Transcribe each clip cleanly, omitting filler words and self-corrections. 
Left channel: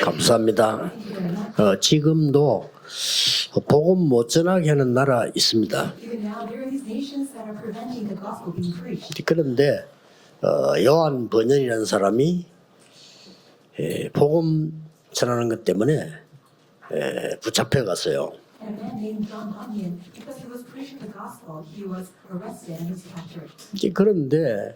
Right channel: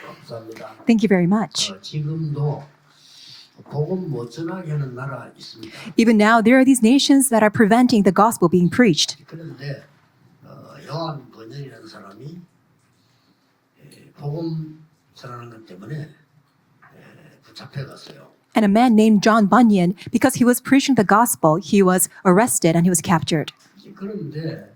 감사합니다. Thank you very much. 지금도 복음 못 전하게 하는 나라 있습니다. Even now, there are these nations that are preventing the gospel being preached. 그런데 요한 번연이라는 사람이 복음 전하는 것 때문에 붙잡혀 갔어요. And a man named John Bunyan, because he was preaching the gospel, he was arrested and he was captured. 그런데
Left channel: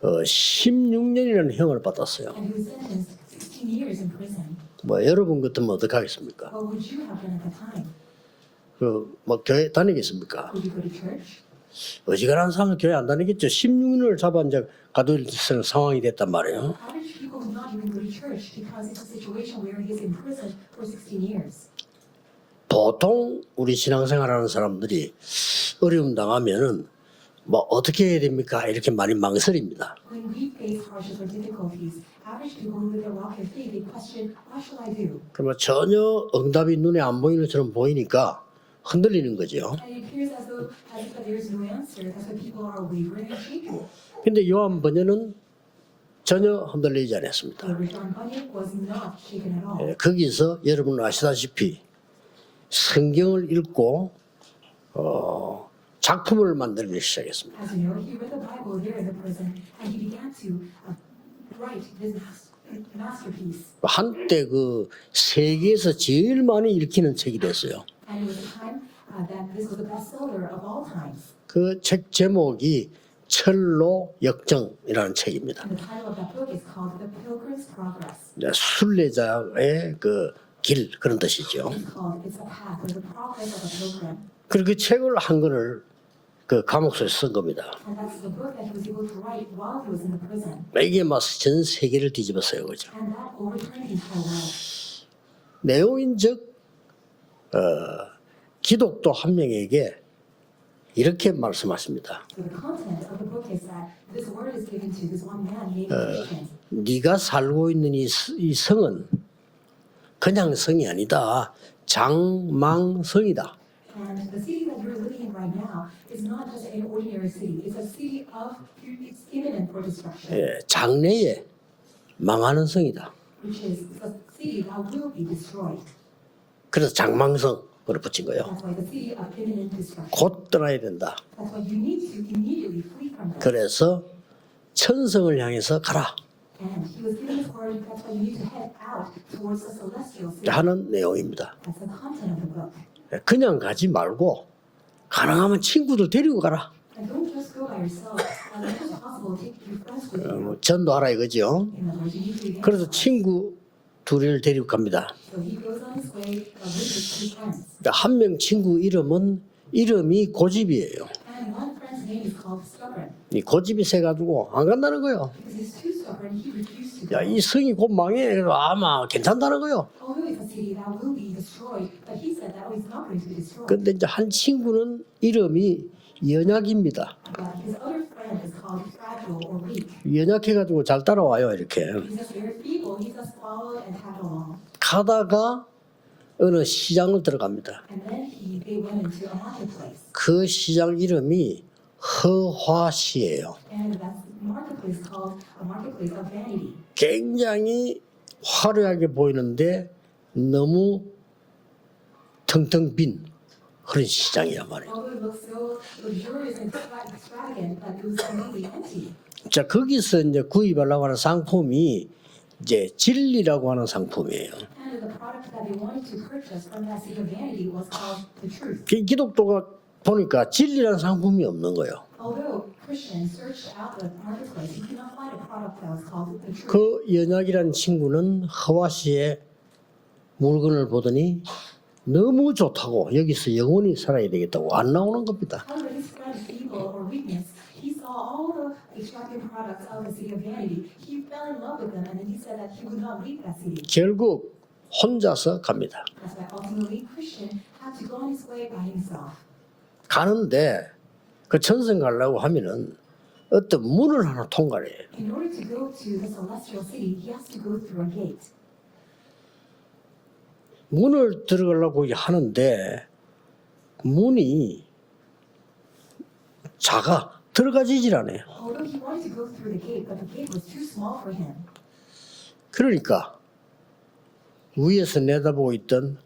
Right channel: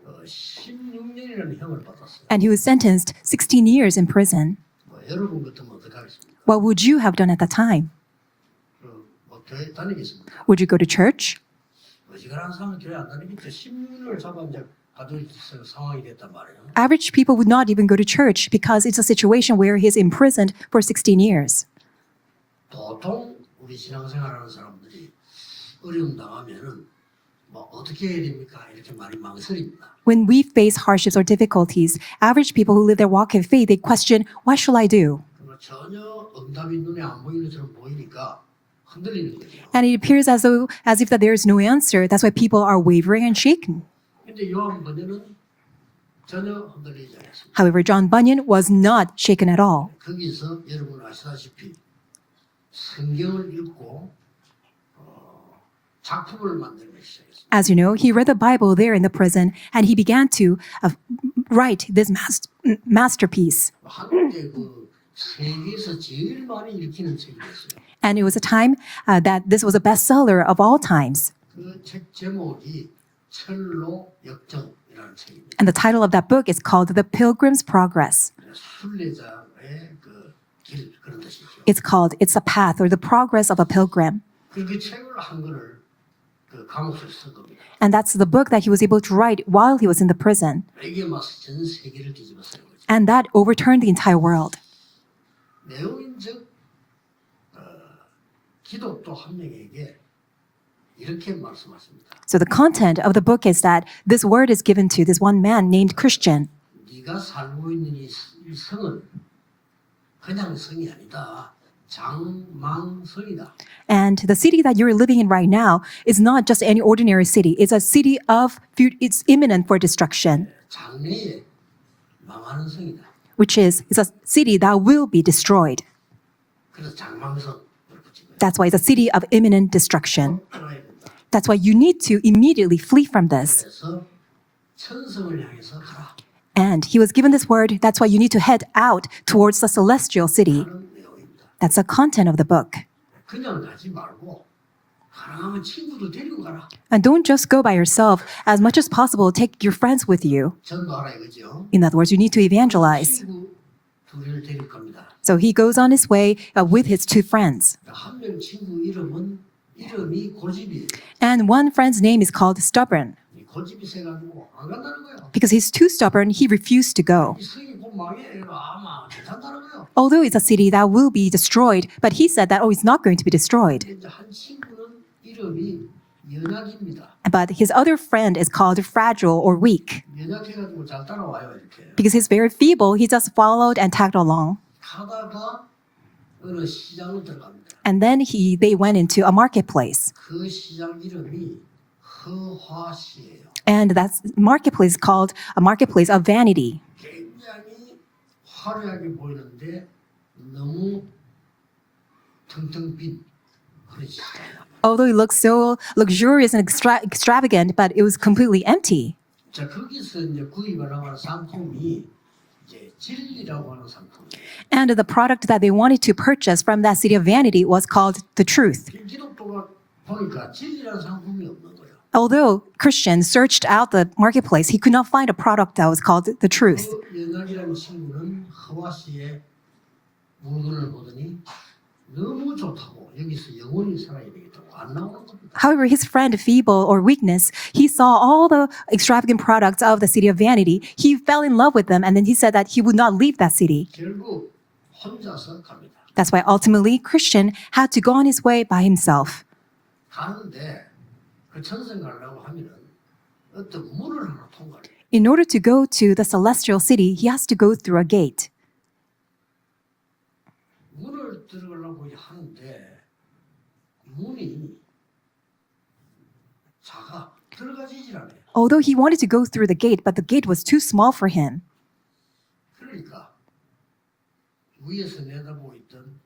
16년이라는 형을 받았어요. And he was sentenced 16 years in prison. 뭐 여러분 같으면 어떡하겠습니까? What would you have done at that time? 뭐 교회 다니겠습니까? Would you go to church? 어지간한 사람은 교회 안 다니겠죠. 16년을 잡아 이제 가둘 상황이 됐단 말이에요. Average people would not even go to church because it's a situation where he's imprisoned for 16 years. 보통 우리 신앙생활하는 사람들이 어려움 당하면은 뭐 어떻게 해야 됩니까? 이렇게 많이 망설입니다. When we face hardships or difficulties, average people who live their walk of faith, they question, what shall I do? 그러면 전혀 응답이 눈에 안 보이는 것처럼 보이니까 흔들리는 거죠. And it appears as if that there is no answer. That's why people are wavering and shaken. 근데 요한 번연은 전혀 흔들리지 않았습니다. However, John Bunyan was not shaken at all. 거기서 여러분 아시다시피 성경을 읽고 작품을 만들기 시작했습니다. As you know, he read the Bible there in the prison and he began to write this masterpiece. 한때 그 세계에서 제일 많이 읽히는 책이 됐어요. And it was a time that this was a bestseller of all times. 그 책 제목이 철로 역정이라는 책입니다. And the title of that book is called The Pilgrim's Progress. 순례자의 그 길 그런 뜻이죠. It's called It's a Path or the Progress of a Pilgrim. 그리고 그 책을 한 권을 그 감옥소에 쓴 겁니다. And that's the book that he was able to write while he was in the prison. 이게 막 전 세계를 뒤집었어요, 그죠? And that overturned the entire world. 내용인즉 기독도 한 명에게 이렇게 말씀하십니다. So the content of the book is that this word is given to this one man named Christian. 네가 살고 있는 이 성은 그냥 성이 아니다. 장망성이다. And the city that you're living in right now is not just any ordinary city. It's a city it's imminent for destruction, 장래에 망하는 성이다. which is it's a city that will be destroyed. 그래서 장망성으로 붙인 거예요. That's why it's a city of imminent destruction. 곧 떠나야 된다. That's why you need to immediately flee from this. 그래서 천성을 향해서 가라 And he was given this word. That's why you need to head out towards the celestial city. 하는 내용입니다. That's the content of the book. 그냥 가지 말고 가능하면 친구들 데리고 가라. And don't just go by yourself. As much as possible, take your friends with you. 전도하라 이거죠. In other words, you need to 그래서 evangelize. 친구 둘을 데리고 갑니다. So he goes on his way with his two friends. 한 명 친구 이름이 고집이에요. And one friend's name is called Stubborn. 이 고집이 세가지고 안 간다는 거예요. Because he's too stubborn, he refused to go. 이 성이 곧 망해. 아마 괜찮다는 거예요. Although it's a city that will be destroyed, but he said that, it's not going to be destroyed. 근데 이제 한 친구는 이름이 연약입니다. But his other friend is called Fragile or Weak. 연약해가지고 잘 따라와요 이렇게. Because he's very feeble, he just followed and tagged along. 가다가 어느 시장을 들어갑니다. And then they went into a marketplace. 그 시장 이름이 허화시예요. And that marketplace called a marketplace of vanity. 굉장히 화려하게 보이는데 너무 텅텅 빈 그런 시장이야 말이야. Although it looks so luxurious and extravagant, but it was completely empty. 자 거기서 이제 구입하려고 하는 상품이 이제 진리라고 하는 상품이에요. And the product that they wanted to purchase from that city of vanity was called the truth. 기독교가 보니까 진리라는 상품이 없는 거예요. Although Christian searched out the marketplace, he could not find a product that was called the truth. 그 연약이라는 친구는 허와시의 물건을 보더니 너무 좋다고 여기서 영원히 살아야 되겠다고 안 나오는 겁니다. However, his friend, feeble or weakness, he saw all the extravagant products of the city of vanity. He fell in love with them, and then he said that he would not leave that city. 결국 혼자서 갑니다. That's why ultimately Christian had to go on his way by himself. 가는데 그 천성 가려고 하면은 어떤 문을 하나 통과해요. In order to go to the celestial city, he has to go through a gate. 문을 들어가려고 하는데 문이 작아 들어가지질 않아요. Although he wanted to go through the gate, but the gate was too small for him. 그러니까 위에서 내다보고 있던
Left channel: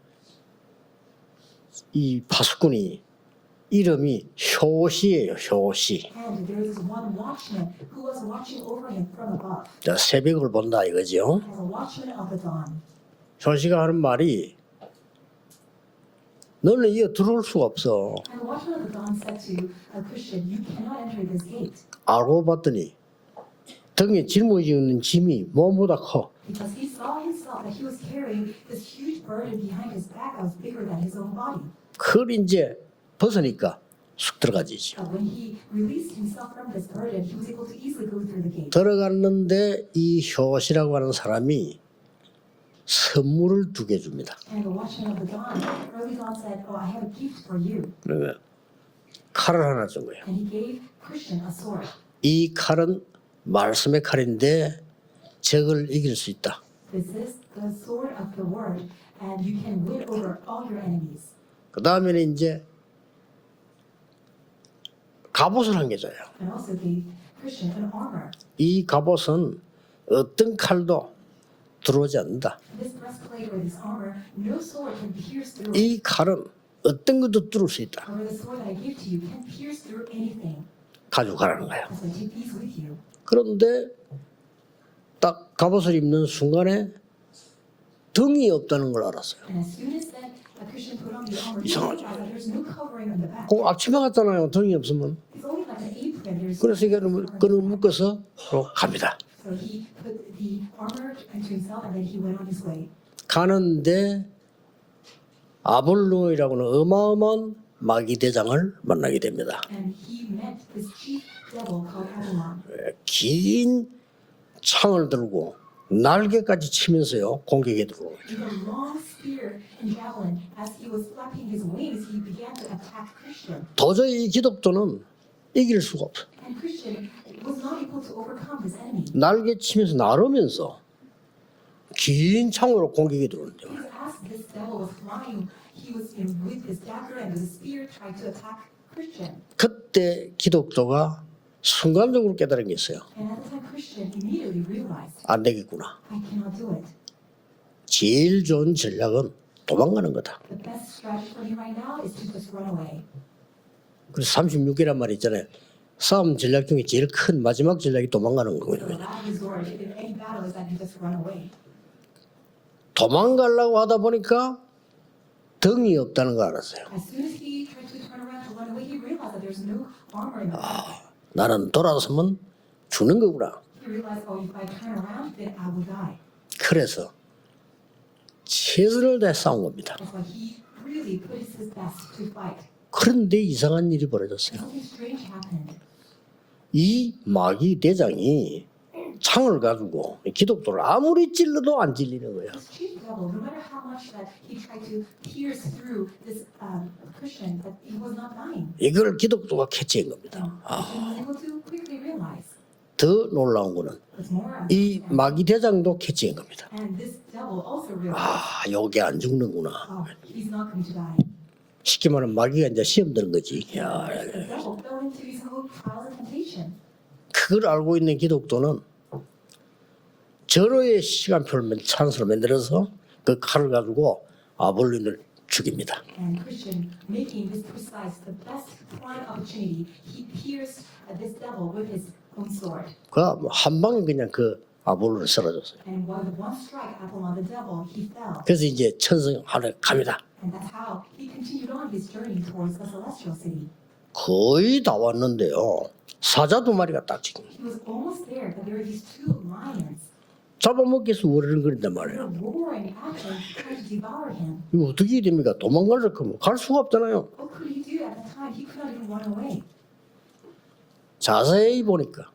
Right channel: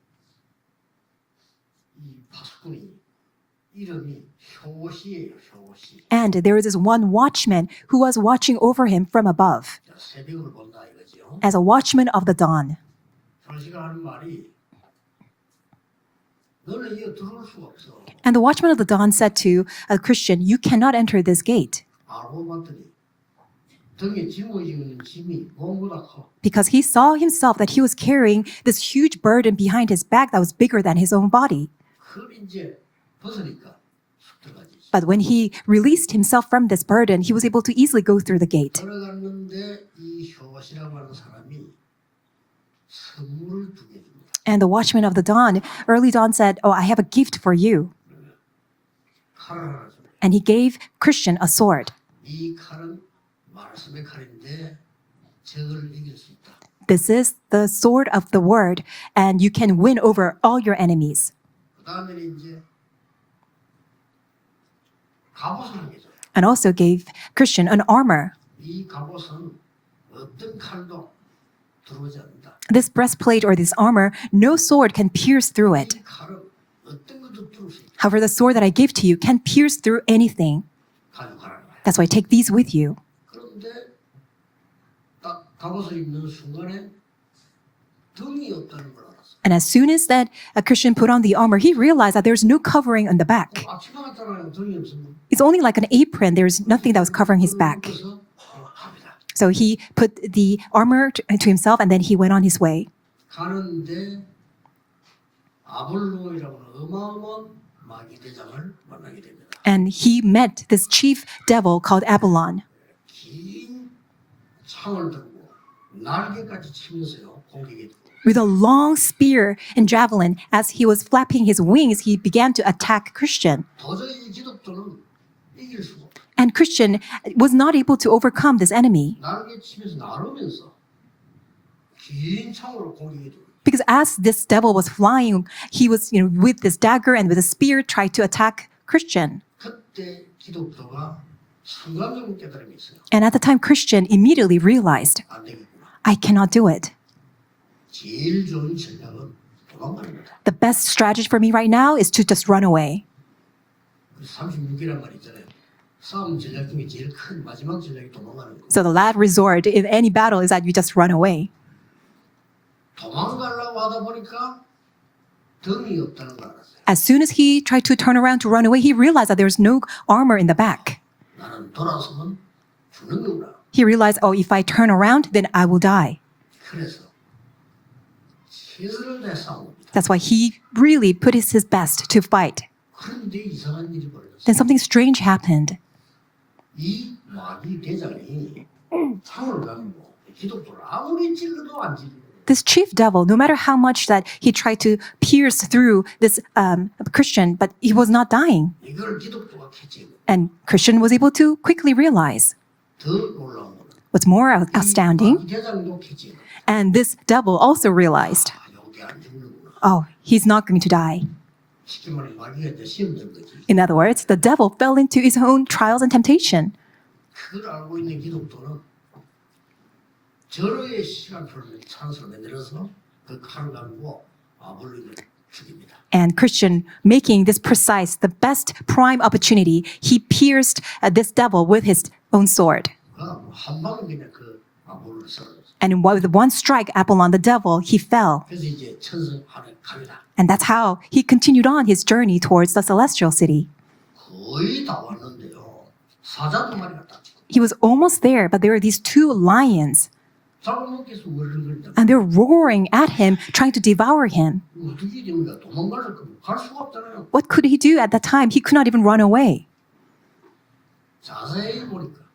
이 파수꾼이 이름이 효시예요. 효시. And there was this one watchman who was watching over him from above, 자, 새벽을 본다 이거죠. as a watchman of the dawn. 효시가 하는 말이 너는 이거 들어올 수가 없어. And the watchman of the dawn said to a Christian, "You cannot enter this gate." 알고 봤더니 등에 짊어지는 짐이 몸보다 커. Because he saw himself that he was carrying this huge burden behind his back that was bigger than his own body. 그걸 이제 벗으니까 쑥 들어가지지. But when he released himself from this burden, he was able to easily go through the gate. 들어갔는데 이 효시라고 하는 사람이 선물을 2개 줍니다. And the watchman of the dawn, early dawn said, "Oh, I have a gift for you." 그러면 칼을 하나 준 거예요. And he gave Christian a sword. 이 칼은 말씀의 칼인데 적을 이길 수 있다. This is the sword of the word, and you can win over all your enemies. 그 다음에는 이제 갑옷을 한 개 줘요. And also gave Christian an armor. 이 갑옷은 어떤 칼도 들어오지 않는다. This breastplate or this armor, no sword can pierce through it. 이 칼은 어떤 것도 뚫을 수 있다. However, the sword that I give to you can pierce through anything. 가져가라는 거야. That's why take these with you. 그런데 딱 갑옷을 입는 순간에 등이 없다는 걸 알았어요. And as soon as that a Christian put on the armor, he realized that there's no covering on the back. 그 앞치마 같잖아요. 등이 없으면. It's only like an apron. There's nothing that was covering his back. 묶어서 갑니다. So he put the armor to himself and then he went on his way. 가는데 아볼로이라고는 어마어마한 마귀 대장을 만나게 됩니다. And he met this chief devil called Apollon. 긴 창을 들고 날개까지 치면서요 공격에 들어오고. With a long spear and javelin, as he was flapping his wings, he began to attack Christian. 도저히 이 기독도는 이길 수가 없어. And Christian was not able to overcome this enemy. 날개 치면서 나르면서 긴 창으로 공격에 들어오는데 Because as this devil was flying, he was, with this dagger and with a spear tried to attack Christian. 그때 기독도가 순간적으로 깨달은 게 있어요. And at the time, Christian immediately realized, 안 되겠구나. I cannot do it. 제일 좋은 전략은 도망가는 거다. The best strategy for me right now is to just run away. 그래서 36개란 말이 있잖아요. 싸움 전략 중에 제일 큰 마지막 전략이 도망가는 거예요. So the last resort in any battle is that you just run away. 도망가려고 하다 보니까 등이 없다는 걸 알았어요. As soon as he tried to turn around to run away, he realized that there's no armor in the back. 나는 돌아서면 죽는 거구나. He realized, oh, if I turn around, then I will die. 그래서 최선을 다해 싸운 겁니다. That's why he really put his best to fight. 그런데 이상한 일이 벌어졌어요. Then something strange happened. 이 마귀 대장이 창을 가지고 기독도를 아무리 찔러도 안 찔리는 거예요. This chief devil, no matter how much that he tried to pierce through this Christian, but he was not dying. 이걸 기독도가 캐치한 겁니다. And Christian was able to quickly realize. 더 놀라운 거는 What's more 이 astounding, 마귀 대장도 캐치한 겁니다. and this devil also realized, 아, 요게 안 죽는구나. oh, he's not going to die. 쉽게 말하면 마귀가 이제 시험 드는 거지. In other words, the devil fell into his own trials and temptation. 그걸 알고 있는 기독도는 절호의 시간표를 찬스로 만들어서 그 칼을 가지고 아볼론을 죽입니다. And Christian, making this precise, the best prime opportunity, he pierced this devil with his own sword. 한 방에 그냥 그 아볼론을 쓰러졌어요. And with one strike, Apollon, the devil, he fell. 그래서 이제 천성 하늘 갑니다. And that's how he continued on his journey towards the celestial city. 거의 다 왔는데요. 사자 2마리가 딱 지금 He was almost there, but there were these 2 lions, 잡아먹기 위해서 으르렁거린단 and 말이에요. they're roaring at him, trying to devour him. 이거 어떻게 됩니까? 도망가려고 하면 갈 수가 없잖아요. What could he do at that time? He could not even run away. 자세히 보니까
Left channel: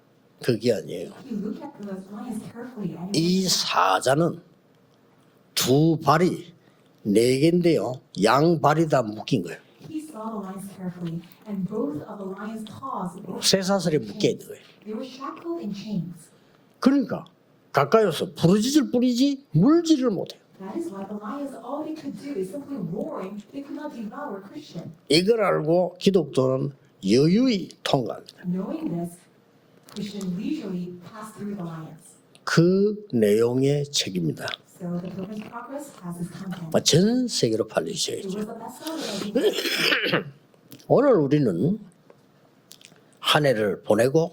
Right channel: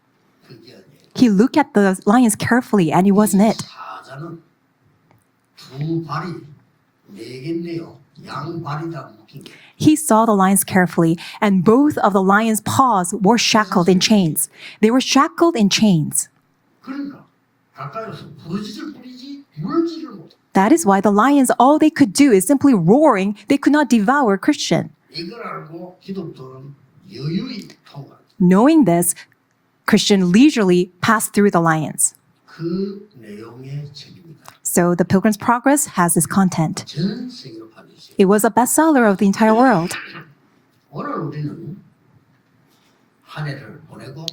그게 아니에요. He looked at the lions carefully, and it wasn't 이 it. 사자는 2 발이 4개인데요. 양 발이 다 묶인 거예요. He saw the lions carefully, and both of the lions' paws were shackled in chains. They were shackled in chains. 그러니까 가까이 와서 부르짖을 뿐이지 물지를 못해요. That is why the lions, all they could do is simply roaring. They could not devour Christian. 이걸 알고 기독도는 여유히 통과합니다. Knowing this, Christian leisurely passed through the lions. 그 내용의 책입니다. So the Pilgrim's Progress has this content. 전 세계로 팔리죠. It was a bestseller of the entire world. 오늘 우리는 한 해를 보내고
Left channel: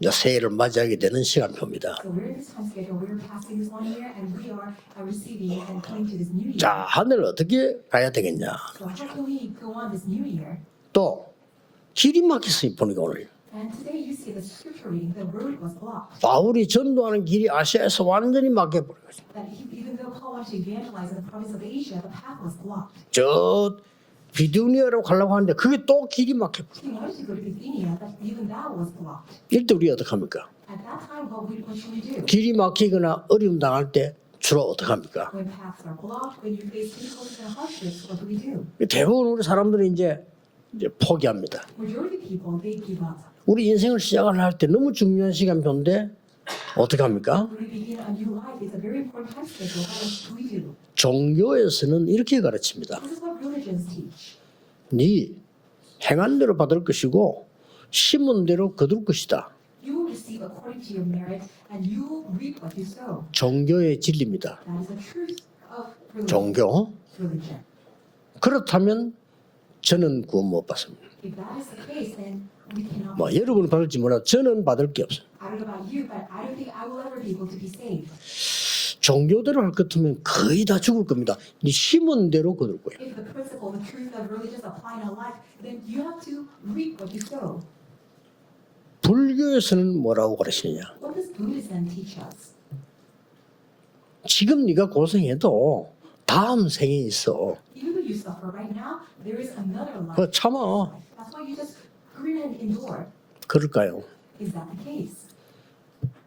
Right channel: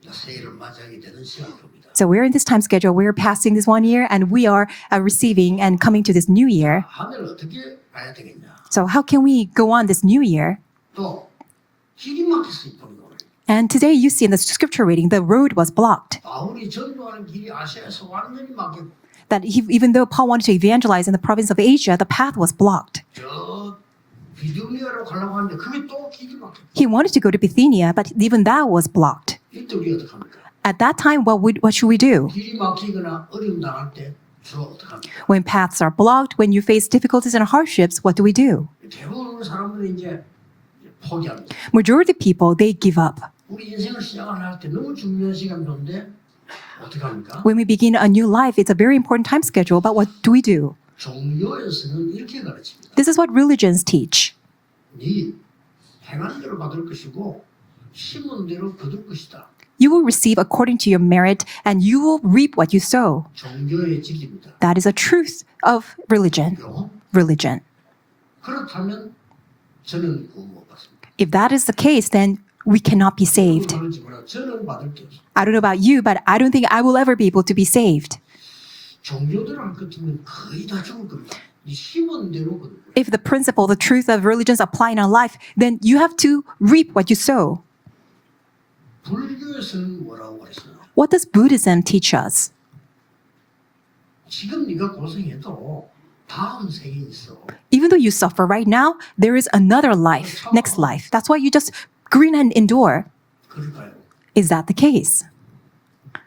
이제 새해를 맞이하게 되는 시간표입니다. So we're in this time schedule. We're passing this 1 year, and we are receiving and coming to this new 자, year. 한 해를 어떻게 가야 되겠냐? So how can we go on this new year? 또 길이 막혔으니 보니까 오늘 And today you see in the scripture reading, the road was blocked. 바울이 전도하는 길이 아시아에서 완전히 막혀버렸어요. That even though Paul wanted to evangelize in the province of Asia, the path was blocked. 저 비두니아로 가려고 하는데 그게 또 길이 막혀. He wanted to go to Bithynia, but even that was blocked. 이때 우리 어떻게 합니까? At that time, what should we do? 길이 막히거나 어려움 당할 때 주로 어떻게 합니까? When paths are blocked, when you face difficulties and hardships, what do we do? 대부분 우리 사람들이 이제 포기합니다. Majority of people, they give up. 우리 인생을 시작을 할 때 너무 중요한 시간표인데 어떻게 합니까? When we begin a new life, it's a very important time schedule, but what do we do? 종교에서는 이렇게 가르칩니다. This is what religions teach. 네 행한 대로 받을 것이고 심은 대로 거둘 것이다. You will receive according to your merit, and you will reap what you sow. 종교의 진리입니다. That is a truth of religion. 종교. Religion. 그렇다면 저는 구원 못 받습니다. If that is the case, then we cannot be 여러분 saved. 그럴지 몰라 저는 받을 게 없어요. I don't know about you, but I don't think I will ever be able to be saved. 종교대로 할 것 같으면 거의 다 죽을 겁니다. 네 심은 대로 거둘 거예요. If the principle, the truth of religions apply in our life, then you have to reap what you sow. 불교에서는 뭐라고 가르치느냐? What does Buddhism teach us? 지금 네가 고생해도 다음 생에 있어. Even though you suffer right now, there is another life, 참아. next life. That's why you just grin and endure. 그럴까요? Is that the case?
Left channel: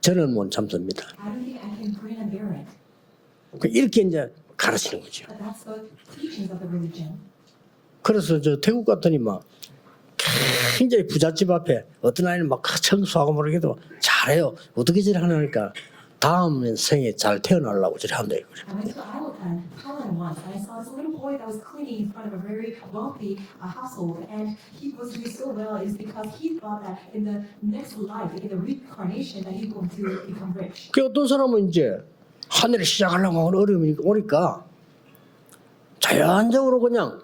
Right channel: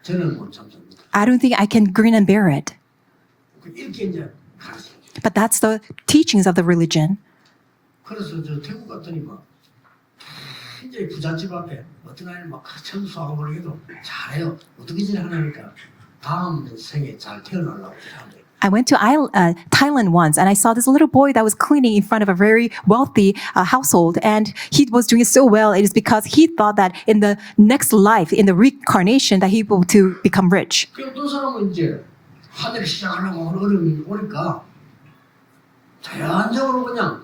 저는 못 참습니다. I don't think I can grin and bear it. 이렇게 이제 가르치는 거죠. But that's the teachings of the religion. 그래서 저 태국 갔더니 막 굉장히 부잣집 앞에 어떤 아이는 막 청소하고 모르게도 잘해요. 어떻게 저래 하니까 다음 생에 잘 태어나려고 저래 한다. I went to Thailand once, and I saw this little boy that was cleaning in front of a very wealthy household, and he was doing so well. It is because he thought that in the next life, in the reincarnation, that he will to become rich. 그 어떤 사람은 이제 한 해를 시작하려고 어려움이 오니까 자연적으로 그냥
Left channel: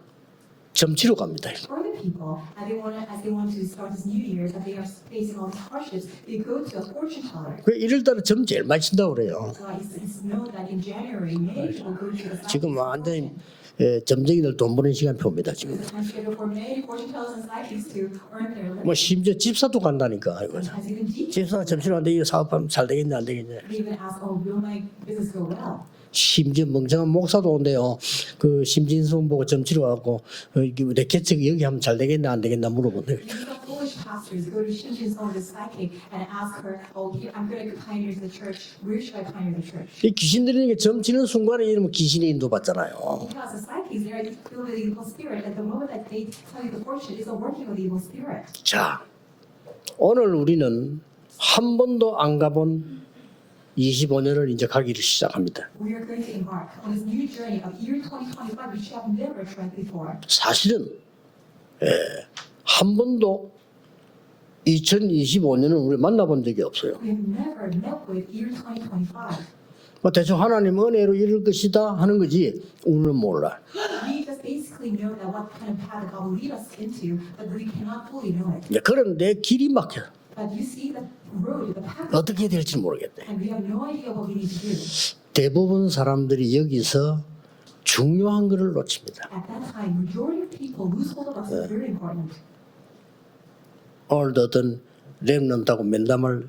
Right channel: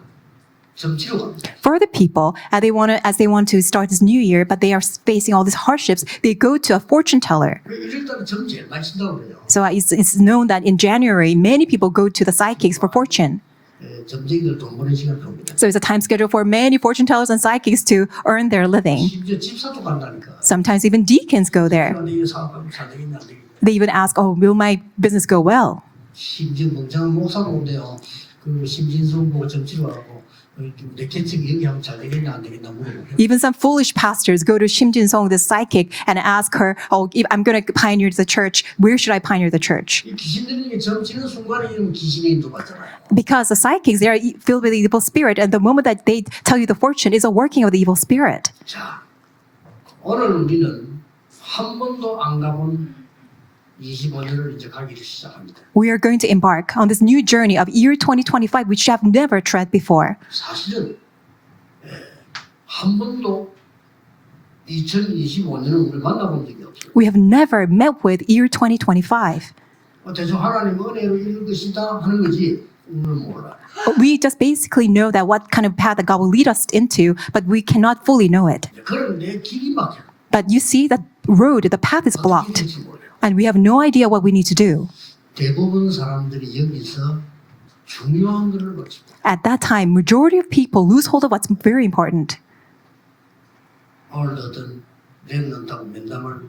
점치러 갑니다. For the people, as they want to start this new year, but they are facing all these hardships, they go to a fortune teller. 그 1월달에 점 제일 많이 쓴다고 그래요. So it's known that in January, many people go to the psychics for fortune. 예, 점쟁이들 돈 버는 시간표입니다. So it's a time schedule for many fortune tellers and psychics to earn their living. 심지어 집사도 간다니까. Sometimes even deacons go there. 이 사업하면 잘 되겠냐 안 되겠냐. They even ask, "Oh, will my business go well?" 심지어 멍청한 목사도 온대요. 그 심진성 보고 점치러 와갖고 내 개척 여기 하면 잘 되겠냐 안 되겠냐 물어보고. Even some foolish pastors go to Shim Jin-song, the psychic, and ask her, "Oh, if I'm going to pioneer the church, where should I pioneer the church?" 이 귀신 들리는 게 점치는 순간에 이러면 귀신이 인도받잖아요. Because the psychics, they are filled with the evil spirit, and the moment that they tell you the fortune is a working of the evil spirit. 자, 오늘 우리는 한 번도 안 가본 25년을 이제 가기를 시작합니다. We are going to embark on this new journey of year 2025, which we have never tread before. 사실은 한 번도 2025년을 우리 만나본 적이 없어요. We have never met with year 2025. 뭐 대충 하나님 은혜로 이럴 것이다 하는 거지 우리는 몰라. We just basically know that what kind of path that God will lead us into, but we cannot fully know it. 그런데 길이 막혀. But you see that road, the path is 어떻게 blocked, 될지 모르겠다. and we have no idea what we need to do. 대부분 사람들이 여기서 중요한 것을 놓칩니다. At that time, majority of people lose hold of what's very important. 오늘도 어떤 렘넌트하고 면담할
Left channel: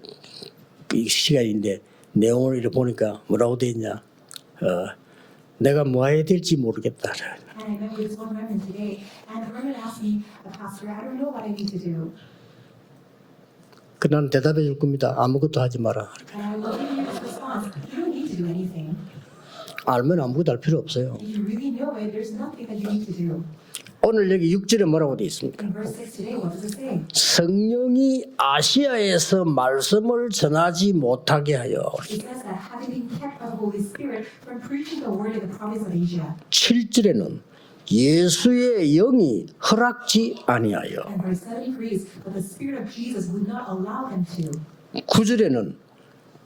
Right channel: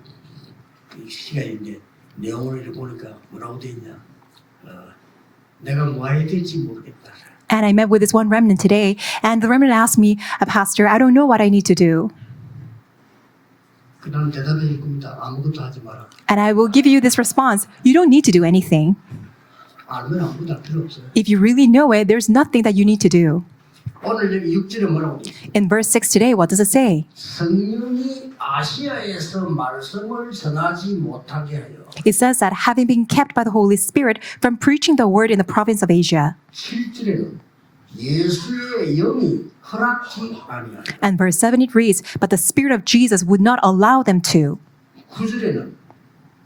시간인데 내용을 이렇게 보니까 뭐라고 돼 있냐. 내가 뭐 해야 될지 모르겠다. And I met with this one remnant today, and the remnant asked me, Pastor, I don't know what I need to do. 그 나는 대답해 줄 겁니다. 아무것도 하지 마라. And I will give you this response. You don't need to do anything. 알면 아무것도 할 필요 없어요. If you really know it, there's nothing that you need to do. 오늘 여기 6절에 뭐라고 돼 있습니까? In verse 6 today, what does it say? 성령이 아시아에서 말씀을 전하지 못하게 하여 It says that having been kept by the Holy Spirit from preaching the word in the province of Asia. 7절에는 예수의 영이 허락지 아니하여 And verse 7 it reads, but the Spirit of Jesus would not allow them to. 9절에는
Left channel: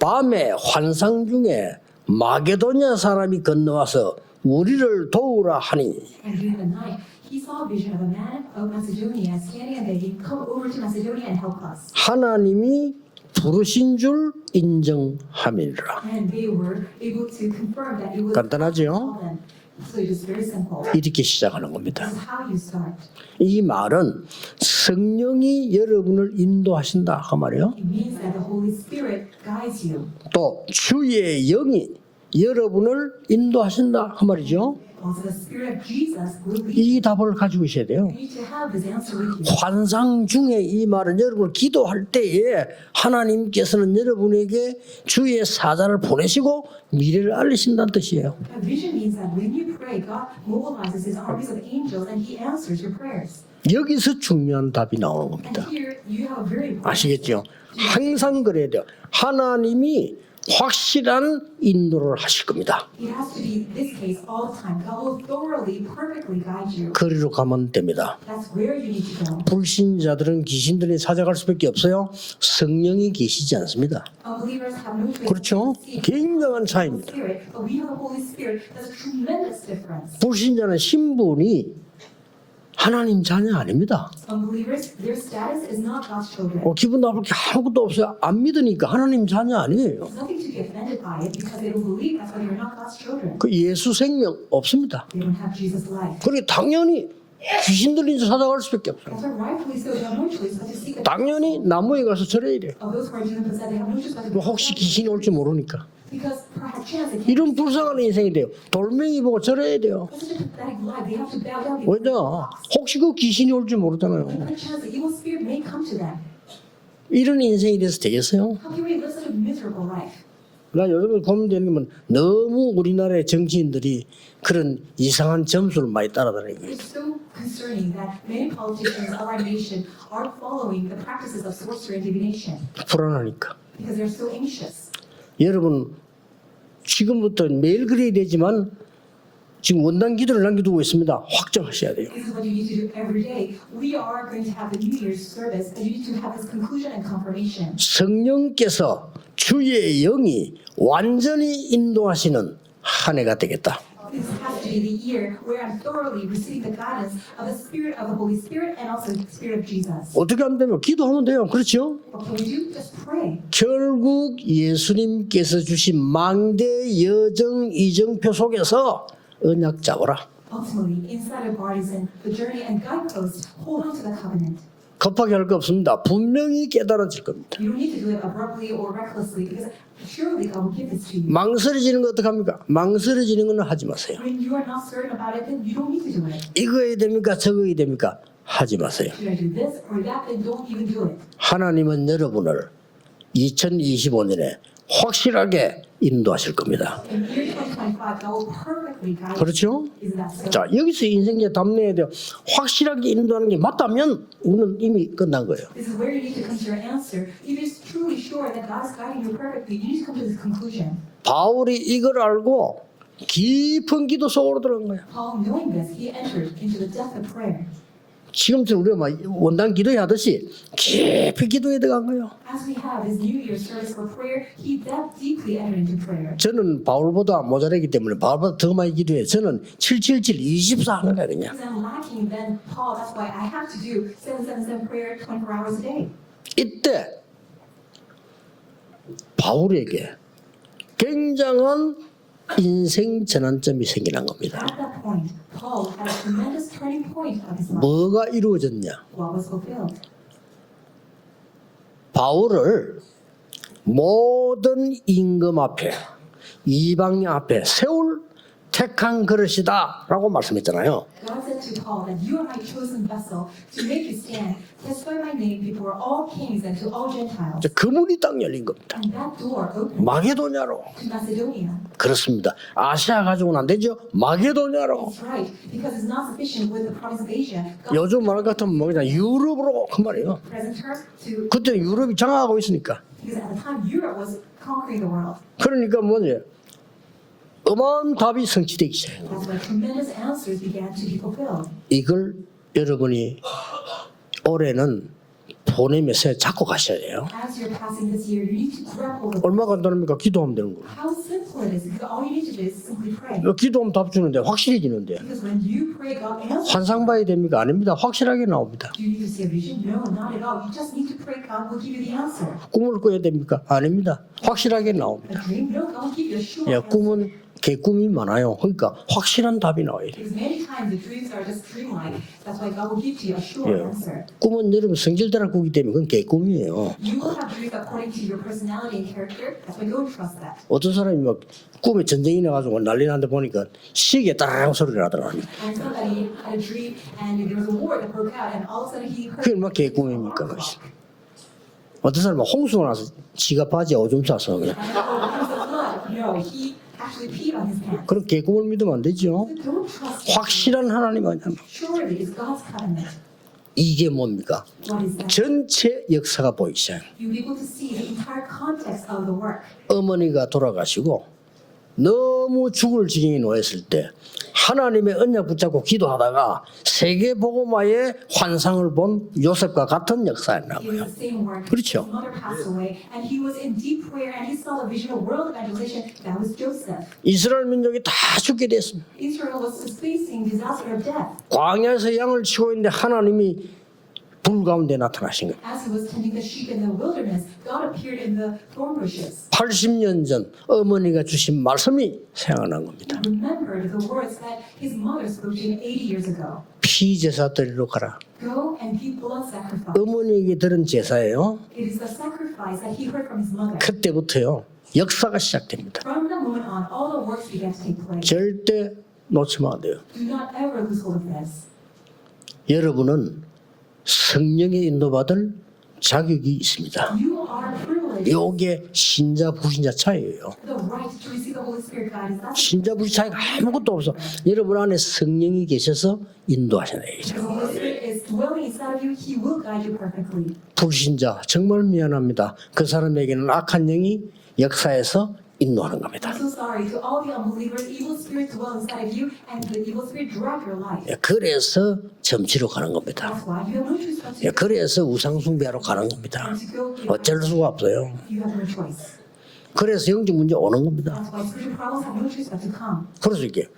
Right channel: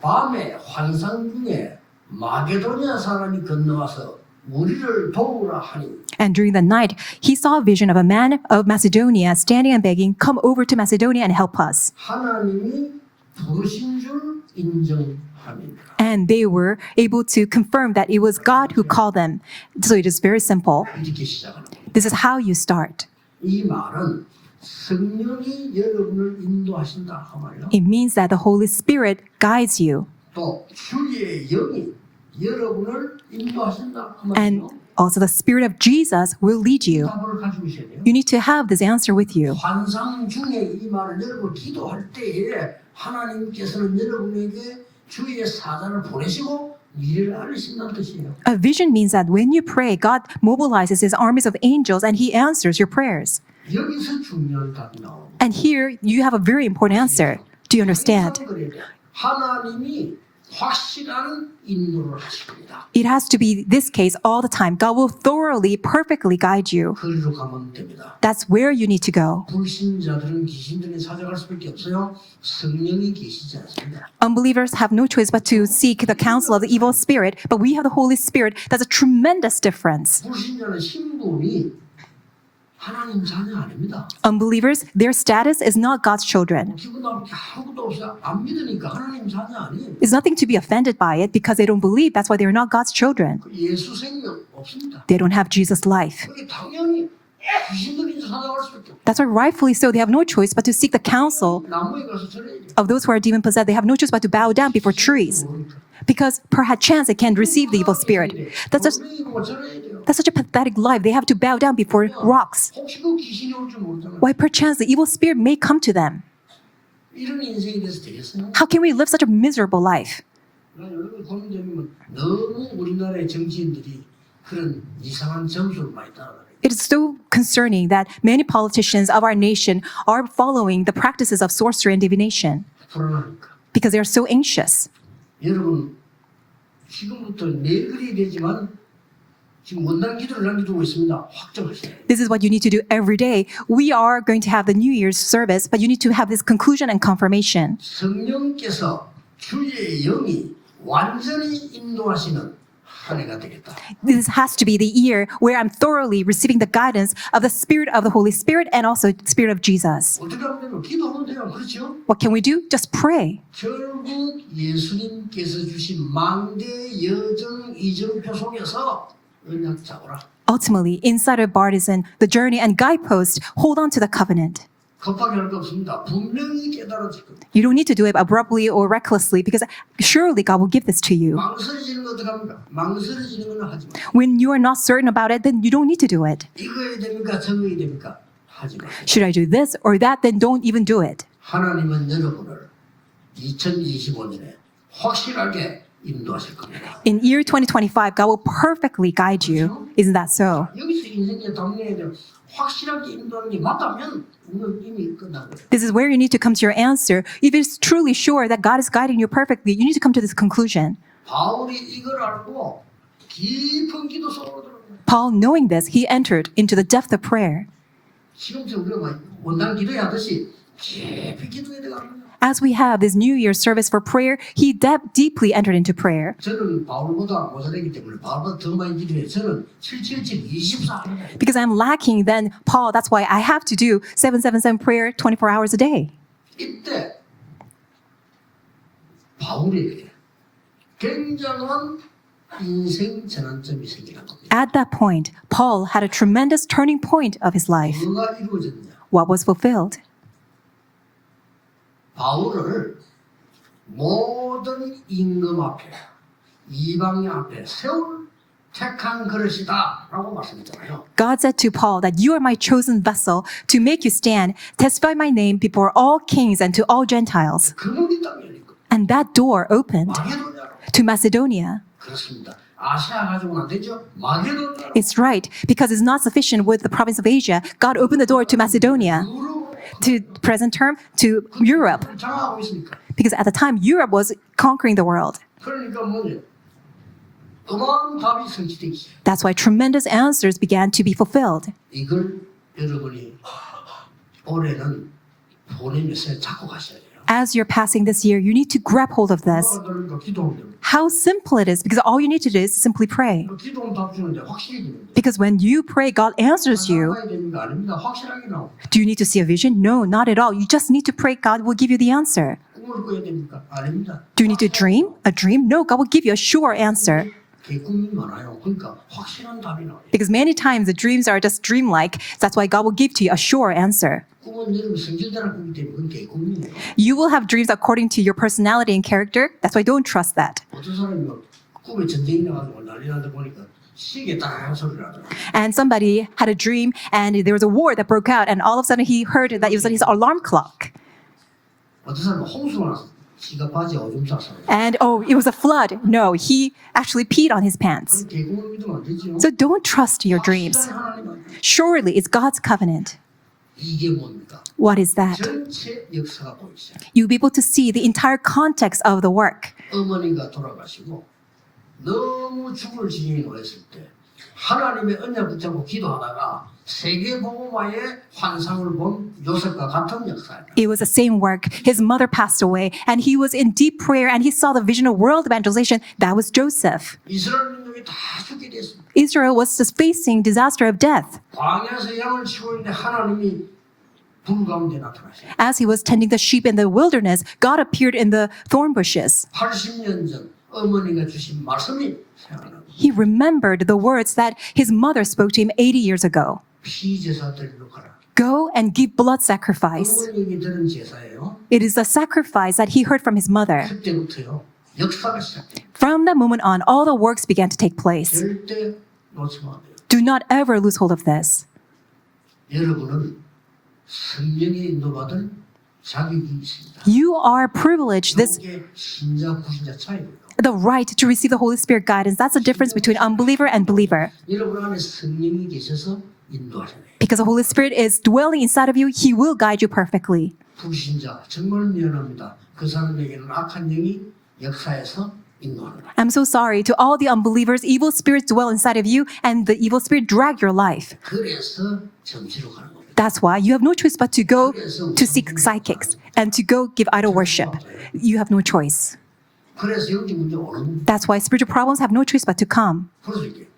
밤에 환상 중에 마게도냐 사람이 건너와서 우리를 도우라 하니 And during the night, he saw a vision of a man of Macedonia standing and begging, "Come over to Macedonia and help us." 하나님이 부르신 줄 인정함이라. And they were able to confirm that it was God who 간단하죠? called them. So it is very simple. 이렇게 시작하는 겁니다. This is how you start. 이 말은 성령이 여러분을 인도하신다 그 말이에요. It means that the Holy Spirit guides you. 또 주의 영이 여러분을 인도하신다 그 And 말이죠. also the Spirit of Jesus will lead 이 you. 답을 가지고 있어야 돼요. You need to have this answer with you. 환상 중에 이 말은 여러분 기도할 때에 하나님께서는 여러분에게 주의 사자를 보내시고 미래를 알리신다는 뜻이에요. A vision means that when you pray, God mobilizes his armies of angels and he answers your prayers. 여기서 중요한 답이 나오는 And 겁니다. here you have a very important answer. 아시겠죠? Do you 항상 understand? 그래야 돼요. 하나님이 확실한 인도를 하실 겁니다. It has to be this case all the time. God will thoroughly, perfectly guide you. 거리로 가면 됩니다. That's where you need to go. 불신자들은 귀신들이 찾아갈 수밖에 없어요. 성령이 계시지 않습니다. Unbelievers have no choice but to 그렇죠? seek the counsel of the evil spirit, but we have the Holy Spirit. That's a tremendous difference. 불신자는 신분이 하나님 자녀 아닙니다. Unbelievers, their status is not God's children. 기분 나쁠 게 아무것도 없어요. 안 믿으니까 하나님 자녀 아니에요. There's nothing to be offended by it because they don't believe. That's why they are not God's children. 그 예수 생명 없습니다. They don't have Jesus' life. 그래 당연히 귀신들이 찾아갈 수밖에 없어요. That's why rightfully so, they have no choice but to seek the counsel 당연히 나무에 가서 절해야 돼요. of those who are demon possessed. They have no choice but to bow down 혹시 before 귀신이 올지 trees 모르니까. because perchance they can receive the evil spirit. That's 돌멩이 보고 절해야 돼요. such a pathetic life. They have to bow down before 왜냐? rocks. 혹시 그 귀신이 올지 모르잖아요. Why perchance the evil spirit may come to them? 이런 인생이 돼서 되겠어요? How can we live such a miserable life? 나 여러분 고민되는 건 너무 우리나라의 정치인들이 그런 이상한 점수를 많이 따라다니고 It is so concerning that many politicians of our nation are following the practices of sorcery and divination 불안하니까. because they are so anxious. 여러분 지금부터 매일 그래야 되지만 지금 원단 기도를 남겨두고 있습니다. 확정하셔야 돼요. This is what you need to do every day. We are going to have the New Year's service, but you need to have this conclusion and confirmation. 성령께서 주의 영이 완전히 인도하시는 한 해가 되겠다. This has to be the year where I'm thoroughly receiving the guidance of the Spirit of the Holy Spirit and also Spirit of Jesus. 어떻게 하면 돼요? 기도하면 돼요. 그렇죠? What can we do? Just pray. 결국 예수님께서 주신 망대 여정 이정표 속에서 언약 잡아라. Ultimately, inside of Bartisan, the journey and guidepost, hold on to the covenant. 급하게 할 거 없습니다. 분명히 깨달아질 겁니다. You don't need to do it abruptly or recklessly because surely God will give this to you. 망설여지는 거 어떻게 합니까? 망설여지는 건 하지 마세요. When you are not certain about it, then you don't need to do it. 이거 해야 됩니까? 저거 해야 됩니까? 하지 마세요. Should I do this or that? Then don't even do it. 하나님은 여러분을 2025년에 확실하게 인도하실 겁니다. In year 2025, God will perfectly guide 그렇죠? you. Isn't that so? 자, 여기서 인생에 담내야 돼요. 확실하게 인도하는 게 맞다면 오늘 이미 끝난 거예요. This is where you need to come to your answer. If it's truly sure that God is guiding you perfectly, you need to come to this conclusion. 바울이 이걸 알고 깊은 기도 속으로 들어간 거예요. Paul, knowing this, he entered into the depth of prayer. 지금부터 우리가 막 원단 기도하듯이 깊이 기도에 들어간 거예요. As we have this New Year service for prayer, he deeply entered into prayer. 저는 바울보다 모자라기 때문에 바울보다 더 많이 기도해요. 저는 777 24 하는 거예요. Because I'm lacking than Paul, that's why I have to do 777 prayer 24 hours a day. 이때 바울에게 굉장한 인생 전환점이 생기는 겁니다. At that point, Paul had a tremendous turning point of his life. 뭐가 이루어졌냐? What was fulfilled? 바울을 모든 임금 앞에 이방인 앞에 세울 택한 그릇이다 라고 말씀했잖아요. God said to Paul that you are my chosen vessel to make you stand, testify my name before all kings and to all Gentiles. 그 문이 딱 열린 겁니다. And that door opened 마게도냐로. to Macedonia. 그렇습니다. 아시아 가지고는 안 되죠. 마게도냐로. It's right, because it's not sufficient with the province of Asia. God opened the door to Macedonia, 유럽으로 그 to 말이에요. present term to 근데 Europe, 유럽이 장악하고 있으니까. because at the time Europe was conquering the world. 그러니까 뭐냐? 어마어마한 답이 성취되기 시작해요. That's why tremendous answers began to be fulfilled. 이걸 여러분이 올해는 보내면서 잡고 가셔야 돼요. As you're passing this year, you need to grab hold of 얼마나 this. 간단합니까? 기도하면 되는 거예요. How simple it is, because all you need to do is simply pray. 기도하면 답 주는데 확실해지는데. Because when you pray, God answers 환상 you. 봐야 됩니까? 아닙니다. 확실하게 나옵니다. Do you need to see a vision? No, not at all. You just need to pray. God will give you the answer. 꿈을 꿔야 됩니까? 아닙니다. Do you need to 확실하게 dream? 나옵니다. A dream? No, God will give you a sure answer. 꿈이 많아요. 그러니까 확실한 답이 나와요. Because many times the dreams are just dreamlike. That's why God will give to you a sure answer. 꿈은 여러분 성질대로 꾸기 때문에 그건 개꿈이에요. You will have dreams according to your personality and character. That's why don't trust that. 어떤 사람이 막 꿈에 전쟁이 나가지고 난리 난데 보니까 시계 따라랑 소리를 하더라고요. And somebody had a dream and there was a war that broke out and all of a sudden he heard that it was his alarm clock. 어떤 사람은 홍수가 나서 지가 바지에 오줌 쌌어. And oh, it was a flood. No, he actually peed on his pants. 그런 개꿈을 믿으면 안 되죠. So don't trust your dreams. 확실한 하나님 아니야. Surely it's God's covenant. 이게 뭡니까? What is that? 전체 역사가 보이기 시작해요. You'll be able to see the entire context of the work. 어머니가 돌아가시고 너무 죽을 지경에 놓였을 때 하나님의 언약 붙잡고 기도하다가 세계복음화의 환상을 본 요셉과 같은 역사였나. It was the same work. His mother passed away and he was in deep prayer and he saw the vision of world evangelization. That was Joseph. 이스라엘 민족이 다 죽게 됐습니다. Israel was just facing disaster of death. 광야에서 양을 치고 있는데 하나님이 불 가운데 나타나신 거예요. As he was tending the sheep in the wilderness, God appeared in the thorn bushes. 80년 전 어머니가 주신 말씀이 생각난 겁니다. He remembered the words that his mother spoke to him 80 years ago. 피제사 드리러 가라. Go and give blood sacrifice. 어머니에게 들은 제사예요. It is the sacrifice that he heard from his mother. 그때부터요. 역사가 시작됩니다. From that moment on, all the works began to take place. 절대 놓치면 안 돼요. Do not ever lose hold of this. 여러분은 성령의 인도받을 자격이 있습니다. You are privileged. This 이게 신자 불신자 차이예요. the right to receive the Holy Spirit guidance. That's the difference between unbeliever and believer. 여러분 안에 성령이 계셔서 인도하시네요. Because the Holy Spirit is dwelling inside of you, He will guide you perfectly. 불신자 정말 미안합니다. 그 사람에게는 악한 영이 역사에서 인도하는 겁니다. I'm so sorry to all the unbelievers. Evil spirits dwell inside of you, and the evil spirit drag your life. 그래서 점치러 가는 겁니다. That's why you have no choice but to go 그래서 to seek 우상 숭배하러 가는 psychics 겁니다. and to go give idol 어쩔 수가 worship. 없어요. You have no choice. 그래서 영적 문제 오는 겁니다. That's why spiritual problems have no choice but to come. 그래서 이게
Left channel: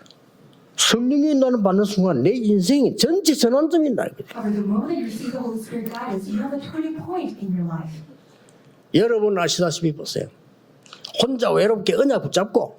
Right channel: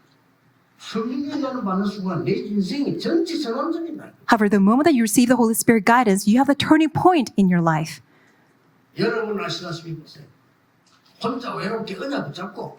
성령이 나는 받는 순간 내 인생이 전체 전환점이 나. However, the moment that you receive the Holy Spirit guidance, you have the turning point in your life. 여러분 아시다시피 보세요. 혼자 외롭게 언약 붙잡고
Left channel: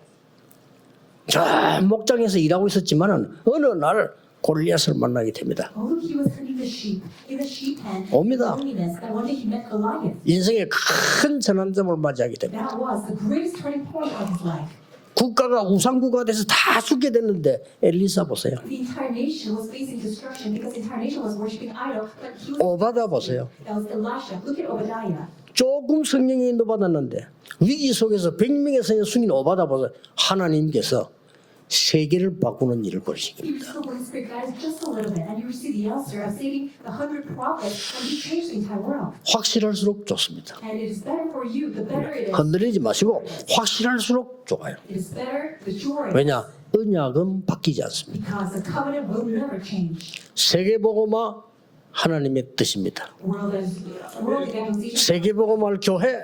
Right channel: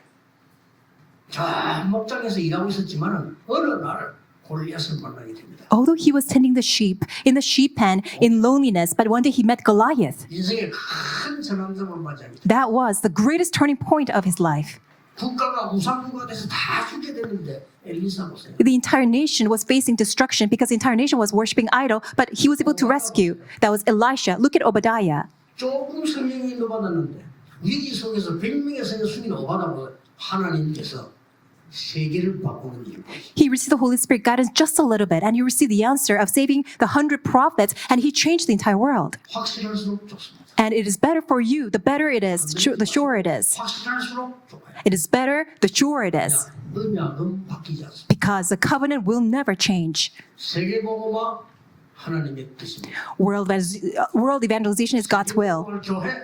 저 목장에서 일하고 있었지만은 어느 날 골리앗을 만나게 됩니다. Although he was tending the sheep in the sheep pen in 옵니다. loneliness, but one day he met Goliath. 인생의 큰 전환점을 맞이하게 됩니다. That was the greatest turning point of his life. 국가가 우상국가 돼서 다 죽게 됐는데 엘리사 보세요. The entire nation was facing destruction because the entire nation was worshiping idol, but he was able to Obadiah rescue. 보세요. That was Elisha. Look at Obadiah. 조금 성령이 인도받았는데 위기 속에서 100명의 성령 숨긴 오바다 보세요. 하나님께서 세계를 바꾸는 일을 보이십니다. He received the Holy Spirit guidance just a little bit, and he received the answer of saving the 100 prophets, and he changed the entire world. 확실할수록 좋습니다. And it is better for you. The better it is, 건드리지 the 마시고 surer it is. 확실할수록 좋아요. It is better, the surer it 왜냐? is. 언약은 바뀌지 않습니다. Because the covenant will never change. 세계복음화 하나님의 뜻입니다. World evangelization is God's will. 세계복음화 교회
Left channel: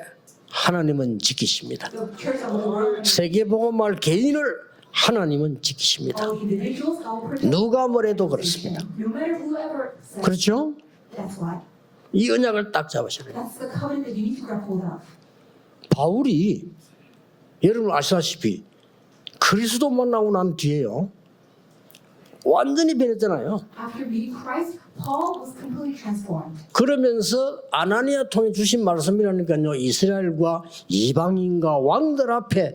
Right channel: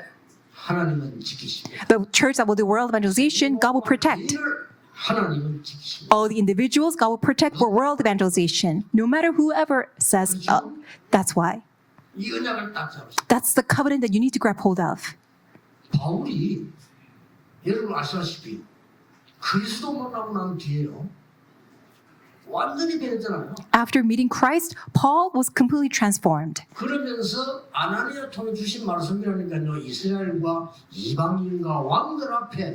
하나님은 지키십니다. The church that will do world evangelization, God will 세계복음화 protect. 개인을 하나님은 지키십니다. All the individuals, God will protect for 누가 world 뭐래도 evangelization. No matter whoever says 그렇죠? that's why. 이 언약을 딱 잡으십니다. That's the covenant that you need to grab hold of. 바울이 여러분 아시다시피 그리스도 만나고 난 뒤에요. 완전히 변했잖아요. After meeting Christ, Paul was completely transformed. 그러면서 아나니아 통해 주신 말씀이라니까요. 이스라엘과 이방인과 왕들 앞에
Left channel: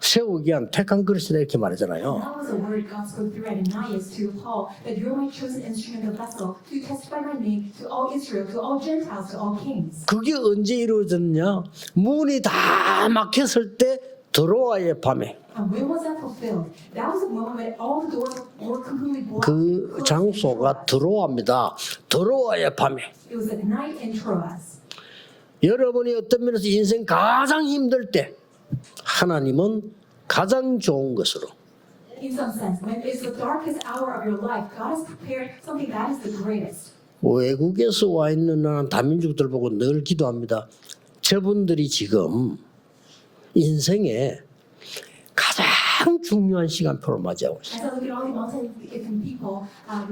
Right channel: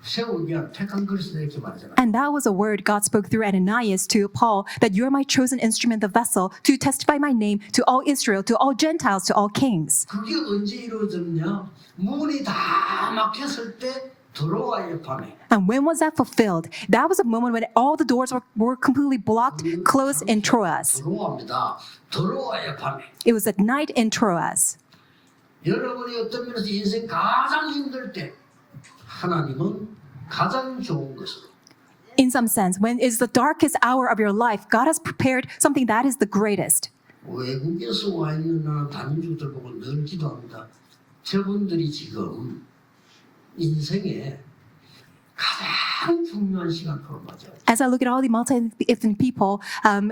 세우기 위한 택한 그리스도 이렇게 말하잖아요. And that was a word God spoke through Ananias to Paul, that you're my chosen instrument, the vessel, to testify my name to all Israel, to all Gentiles, to all kings. 그게 언제 이루어졌냐? 문이 다 막혔을 때 드로아의 밤에 And when was that fulfilled? That was a moment when all the doors were completely blocked, 그 closed in 장소가 Troas. 드로아입니다. 드로아의 밤에 It was at night in Troas. 여러분이 어떤 면에서 인생 가장 힘들 때 하나님은 가장 좋은 것으로 In some sense, when it's the darkest hour of your life, God has prepared something that is the greatest. 외국에서 와 있는 나는 다민족들 보고 늘 기도합니다. 저분들이 지금 인생에 가장 중요한 시간표를 맞이하고 있어요. As I look at all the multi-ethnic people,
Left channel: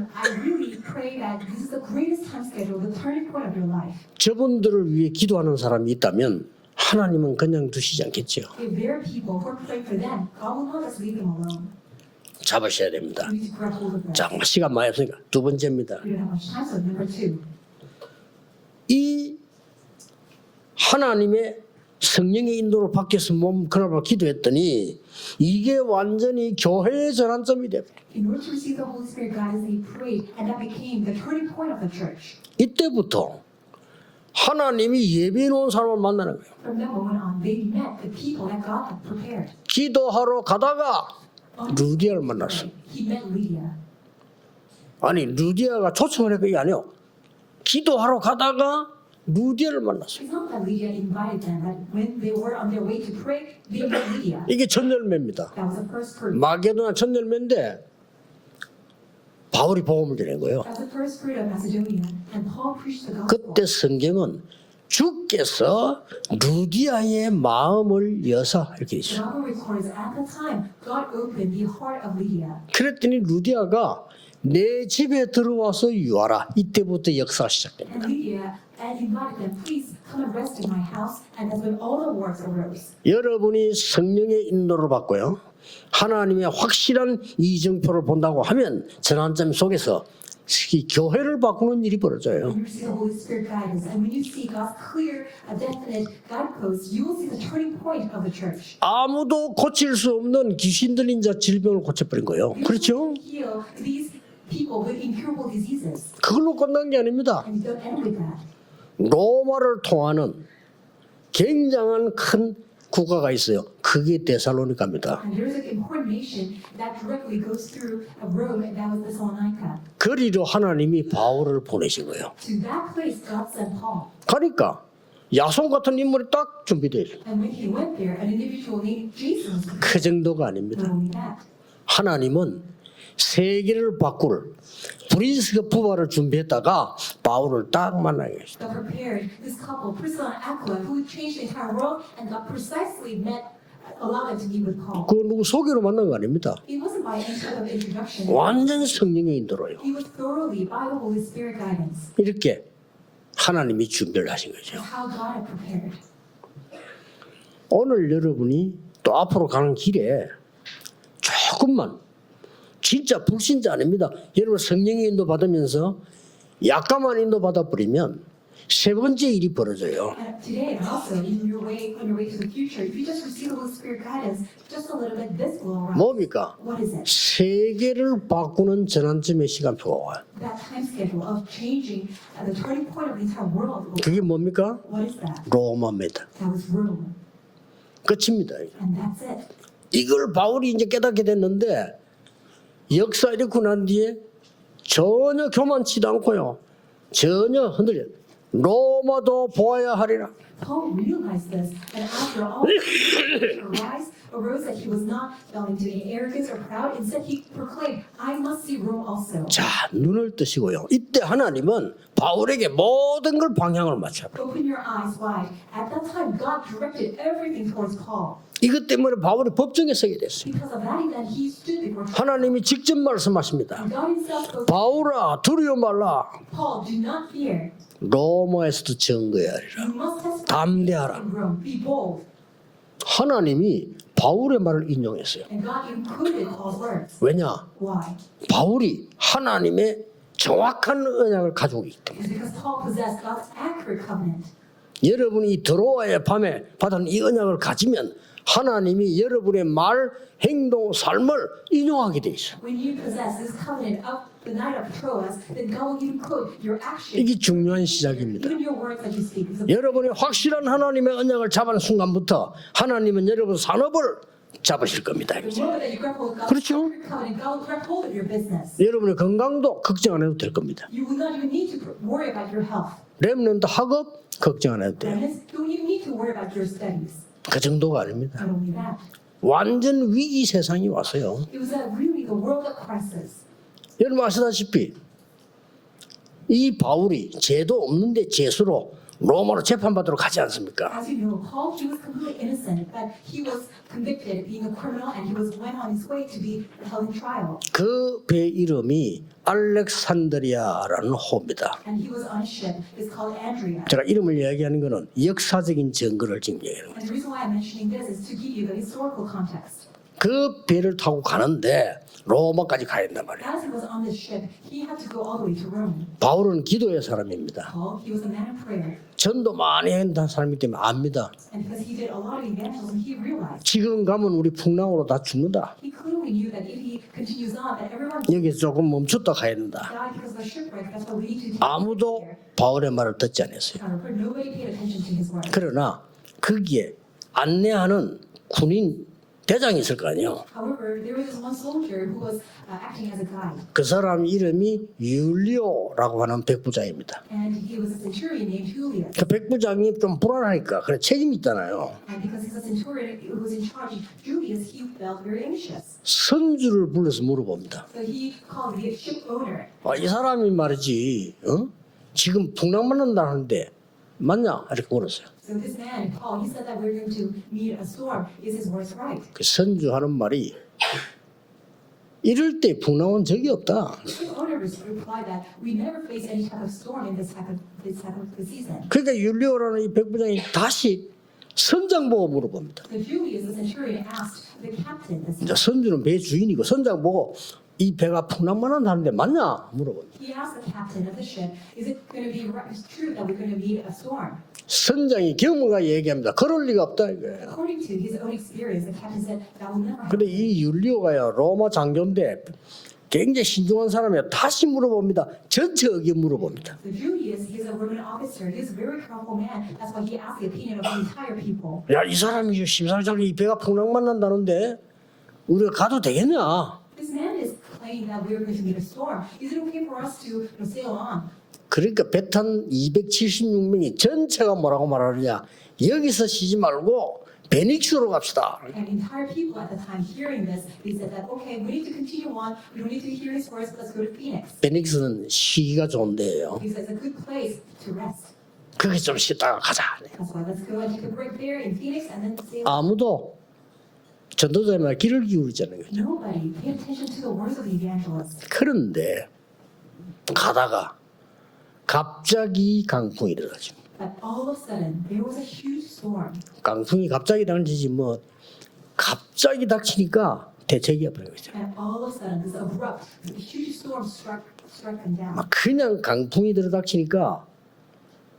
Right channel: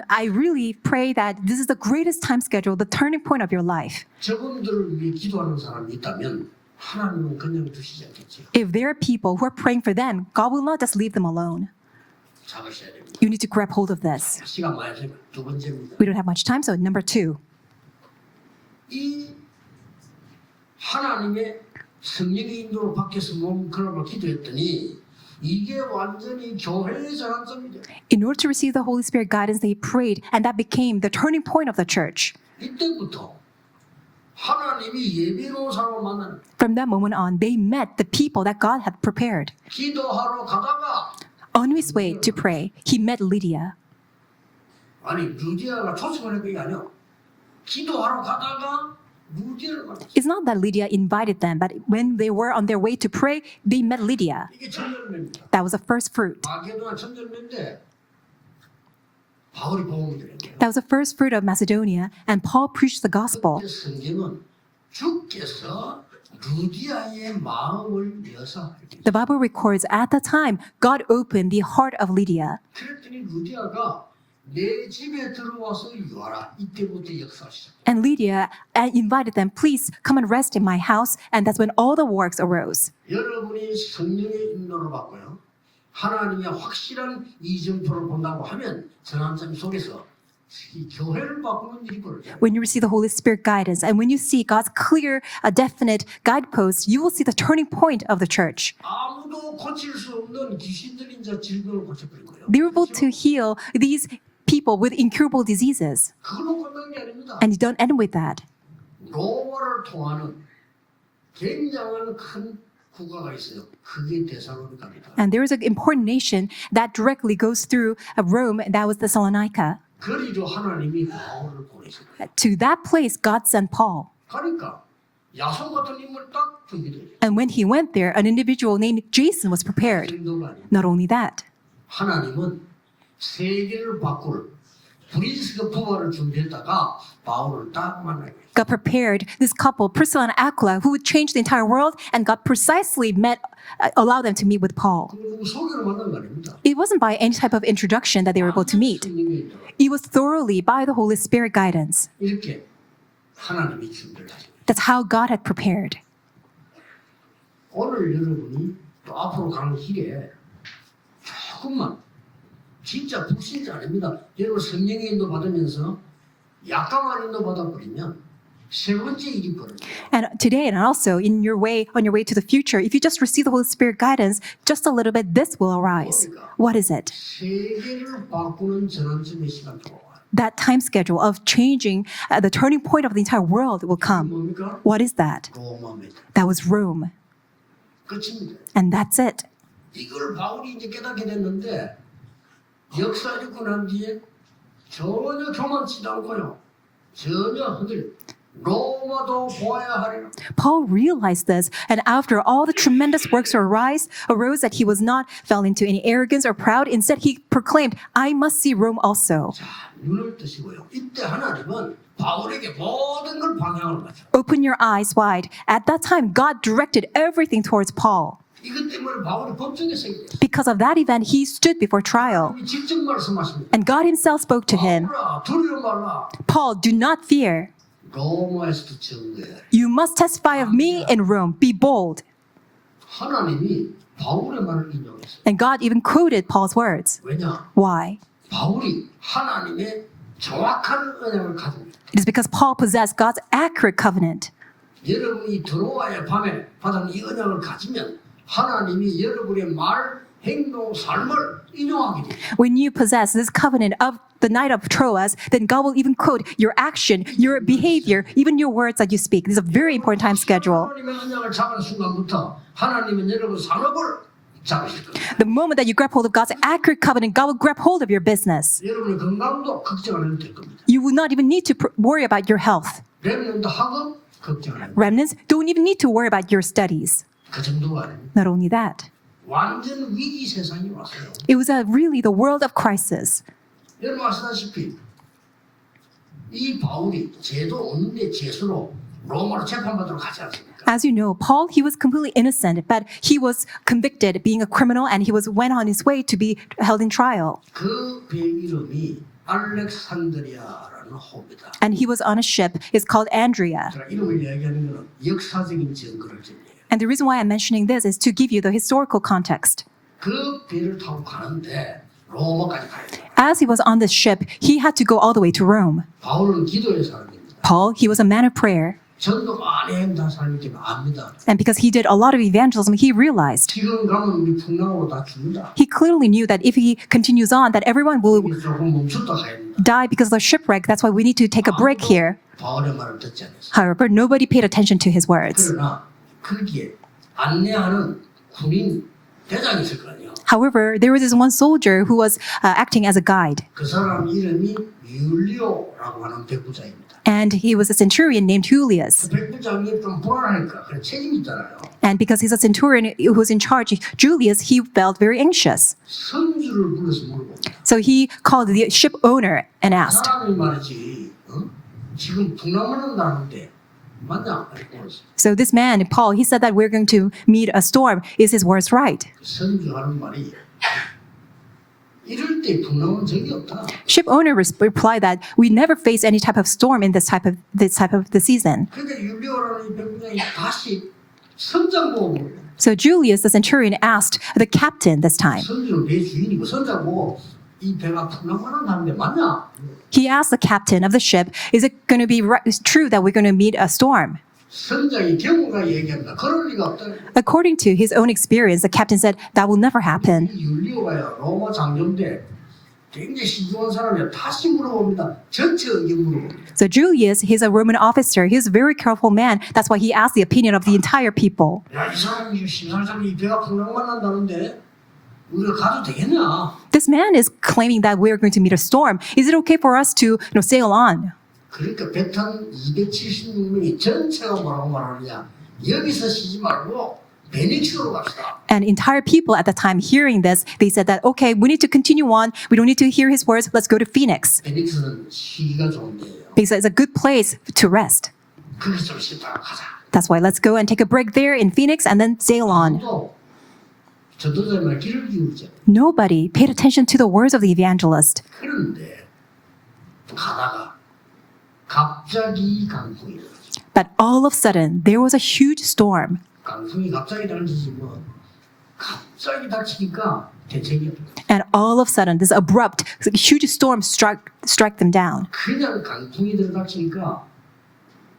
I really pray that this is the greatest time schedule, the turning point of your life. 저분들을 위해 기도하는 사람이 있다면 하나님은 그냥 두시지 않겠죠. If there are people who are praying for them, God will not just leave them alone. 잡으셔야 됩니다. You need to grab hold of this. 자, 시간 많이 없으니까 두 번째입니다. We don't have much time, so number 2. 이 하나님의 성령의 인도로 바뀌어서 몸그나마 기도했더니 이게 완전히 교회의 전환점이 돼요. In order to receive the Holy Spirit guidance, they prayed, and that became the turning point of the church. 이때부터 하나님이 예비해 놓은 사람을 만나는 거예요. From that moment on, they met the people that God had prepared. 기도하러 가다가 On his way 루디아를 to pray, he met Lydia. 아니 루디아가 초청을 했던 게 아니에요. 기도하러 가다가 루디아를 만났어요. It's not that Lydia invited them, but when they were on their way to pray, they met Lydia. 이게 첫 열매입니다. That was the first fruit. 마게도나 첫 열매인데 바울이 복음을 드린 거예요. That was the first fruit of Macedonia, and Paul preached the gospel. 그때 성경은 주께서 루디아의 마음을 여사 이렇게 The 있어요. Bible records at the time, God opened the heart of Lydia. 그랬더니 루디아가 내 집에 들어와서 유하라. 이때부터 역사가 시작돼요. And Lydia invited them, please come and rest in my house. And that's when all the works arose. 여러분이 성령의 인도를 받고요. 하나님의 확실한 이정표를 본다고 하면 전환점 속에서 이 교회를 바꾸는 일이 벌어져요. When you receive the Holy Spirit guidance and when you see God's clear, definite guideposts, you will see the turning point of the church. 아무도 고칠 수 없는 귀신 들린 자 질병을 고쳐버린 거예요. They were able 그렇죠? to heal these people with incurable diseases. 그걸로 끝난 게 아닙니다. And you don't end with that. 로마를 통하는 굉장한 큰 국가가 있어요. 그게 데살로니가입니다. And there is an important nation that directly goes through Rome, that was Thessalonica. 거리로 하나님이 바울을 보내신 거예요. To that place, God sent Paul. 그러니까 야손 같은 인물이 딱 준비돼요. And when he went there, an individual named Jason was 그 prepared. 정도가 아닙니다. Not only that, 하나님은 세계를 바꿀 브리스가 부활을 준비했다가 바울을 딱 만나게 했어요. God prepared this couple, Priscilla and Aquila, who would change the entire world, and God precisely allowed them to meet with Paul. 그 누구 소개로 만난 거 아닙니다. It wasn't by any type of introduction that they were able to 완전 meet. 성령의 인도로요. It was thoroughly by the Holy Spirit guidance. 이렇게 하나님이 준비를 하신 거죠. That's how God had prepared. 오늘 여러분이 또 앞으로 가는 길에 조금만 진짜 불신자 아닙니다. 여러분 성령의 인도 받으면서 약간만 인도 받아버리면 세 번째 일이 벌어져요. And today, and also on your way to the future, if you just receive the Holy Spirit guidance, just a little bit, this will arise. 뭡니까? What is it? 세계를 바꾸는 전환점의 시간표가 와요. That time schedule of changing the turning point of the entire world will 그게 come. 뭡니까? What is that? 로마입니다. That was Rome. 끝입니다. And that's it. 이걸 바울이 이제 깨닫게 됐는데 역사 이렇고 난 뒤에 전혀 교만치도 않고요. 전혀 흔들려. 로마도 보아야 하리라. Paul realized this, and after all the tremendous works arose that he was not fell into any arrogance or proud. Instead, he proclaimed, "I must see Rome also." 자, 눈을 뜨시고요. 이때 하나님은 바울에게 모든 걸 방향을 맞춰. Open your eyes wide. At that time, God directed everything towards Paul. 이것 때문에 바울이 법정에 서게 됐어요. Because of that event, he stood before trial, 하나님이 직접 말씀하십니다. and God Himself spoke to him. 바울아, 두려워 말라. Paul, do not fear. 로마에서도 증거해야 하리라. You must testify of me in Rome. Be bold. 하나님이 바울의 말을 인용했어요. And God even quoted Paul's words. 왜냐? Why? 바울이 하나님의 정확한 언약을 가지고 있다. It is because Paul possessed God's accurate covenant. 여러분이 들어와야 밤에 받은 이 언약을 가지면 하나님이 여러분의 말, 행동, 삶을 인용하게 되죠. When you possess this covenant of the night of Troas, then God will even quote your action, 이게 your 중요한 behavior, 시작입니다. even your words that you speak. This is a very 여러분이 important time 확실한 schedule. 하나님의 언약을 잡은 순간부터 하나님은 여러분 산업을 잡으실 겁니다. The moment that you grab hold of God's 그렇죠? accurate covenant, God will grab hold of your business. 여러분의 건강도 걱정 안 해도 될 겁니다. You will not even need to worry about your health. 렘넌트 학업 걱정 안 해도 돼요. Remnants don't even need to worry about your studies. 그 정도가 아닙니다. Not only that, 완전 위기 세상이 왔어요. it was really the world of crisis. 여러분 아시다시피 이 바울이 죄도 없는데 죄수로 로마로 재판받으러 가지 않습니까? As you know, Paul, he was completely innocent, but he was convicted being a criminal and he went on his way to be held in trial. 그 배 이름이 알렉산드리아라는 호입니다. And he was on a ship. It's called Andrea. 제가 이름을 이야기하는 것은 역사적인 증거를 지금 얘기해요. And the reason why I'm mentioning this is to give you the historical context. 그 배를 타고 가는데 로마까지 가야 된단 말이에요. As he was on this ship, he had to go all the way to Rome. 바울은 기도의 사람입니다. Paul, he was a man of prayer. 전도 많이 했던 사람이기 때문에 압니다. And because he did a lot of evangelism, he realized, 지금 가면 우리 풍랑으로 다 죽는다. he clearly knew that if he continues on, that everyone will 여기 조금 멈췄다 가야 된다. die because of the shipwreck. That's why we need to take a break 아무도 here. 바울의 말을 듣지 않았어요. However, nobody paid attention to his words. 그러나 거기에 안내하는 군인 대장이 있을 거 아니에요. However, there was this one soldier who was acting as a guide. 그 사람 이름이 율리오라고 하는 백부장입니다. And he was a centurion named Julius. 그 백부장이 좀 불안하니까 그래 책임 있잖아요. And because he's a centurion who was in charge, Julius, he felt very anxious. 선주를 불러서 물어봅니다. So he called the ship owner and 이 asked, 사람이 말이지, 지금 풍랑만 난다는데 맞냐? 이렇게 물었어요. so this man, Paul, he said that we're going to meet a storm. Is his words right? 그 선주하는 말이 이럴 때 풍랑은 적이 없다. Ship owner replied that we never face any type of storm in this type of the season. 그러니까 율리오라는 이 백부장이 다시 선장 보고 물어봅니다. So Julius, the centurion, asked the captain this time. 선주는 배 주인이고 선장 보고 이 배가 풍랑만 난다는데 맞냐? 물어봅니다. He asked the captain of the ship, is it going to be true that we're going to meet a storm? 선장이 경우가 얘기합니다. 그럴 리가 없다. According to his own experience, the captain said that will never 근데 happen. 이 율리오가요 로마 장교인데 굉장히 신중한 사람이에요. 다시 물어봅니다. 전체 의견 물어봅니다. So Julius, he's a Roman officer. He's a very careful man. That's why he asked the opinion of the entire people. 야, 이 사람이 심상정이 이 배가 풍랑만 난다는데 우리가 가도 되겠냐? This man is claiming that we're going to meet a storm. Is it okay for us to sail on? 그러니까 배탄 276명이 전체가 뭐라고 말하느냐? 여기서 쉬지 말고 베닉스로 갑시다. And entire people at the time hearing this, they said that, okay, we need to continue on. We don't need to hear his words. Let's go to Phoenix. 베닉스는 쉬기가 좋은 데예요. Because it's a good place to rest. 거기서 좀 쉬다가 가자. That's why let's go and take a break there in Phoenix and then sail on. 아무도 전도자만 귀를 기울이잖아요. Nobody paid attention to the words of the evangelist. 그런데 가다가 갑자기 강풍이 일어나죠. But all of a sudden, there was a huge storm. 강풍이 갑자기 닥치지 뭐 갑자기 닥치니까 대책이 없어요. And all of a sudden, this abrupt, huge storm struck them down. 그냥 강풍이 들어닥치니까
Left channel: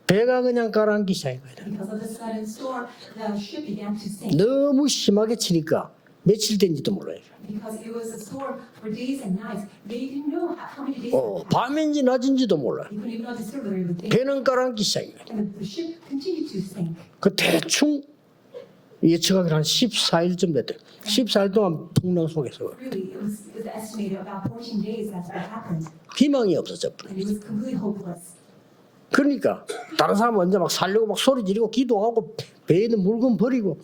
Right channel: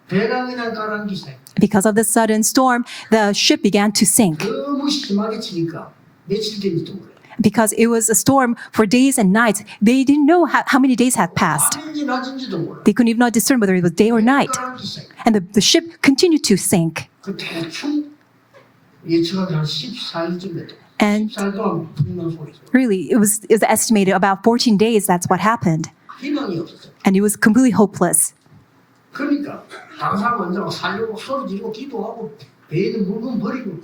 배가 그냥 가라앉기 시작해요. Because of the sudden storm, the ship began to sink. 너무 심하게 치니까 며칠 된지도 몰라요. Because it was a storm for days and nights. They didn't know how many days had passed. 밤인지 낮인지도 몰라요. They couldn't even discern whether it was day or 배가 night. 가라앉기 시작해요. And the ship continued to sink. 그 대충 예측한 한 14일쯤 됐대. And- 14일 동안 풍랑 속에서 Really, it was estimated about 14 days that's what happened. 희망이 없었죠. And it was completely hopeless. 그러니까 다른 사람 먼저 막 살려고 막 소리 지르고 기도하고 배에 있는 물건 버리고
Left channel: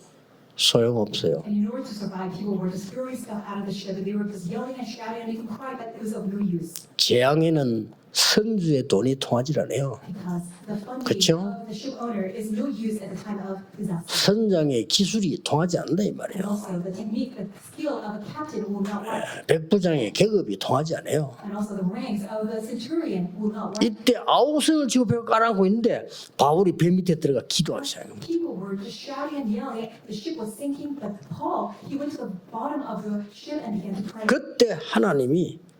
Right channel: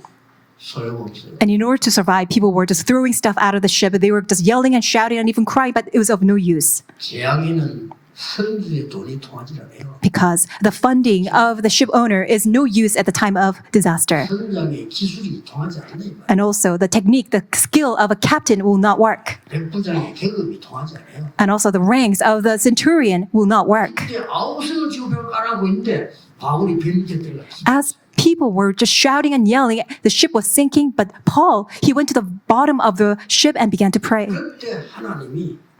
소용없어요. And in order to survive, people were just throwing stuff out of the ship. They were just yelling and shouting and even crying, but it was of no use. 재앙에는 선주의 돈이 통하지 않아요. Because the funding 그쵸? of the ship owner is no use at the time of disaster. 선장의 기술이 통하지 않는다 이 말이에요. And also the technique, the skill of a captain will not work. 백부장의 계급이 통하지 않아요. And also the ranks of the centurion will not work. 이때 아우성을 지고 벽을 깔아고 있는데 바울이 배 밑에 들어가 기도하기 As 시작해요. people were just shouting and yelling, the ship was sinking, but Paul, he went to the bottom of the ship and began to pray. 그때 하나님이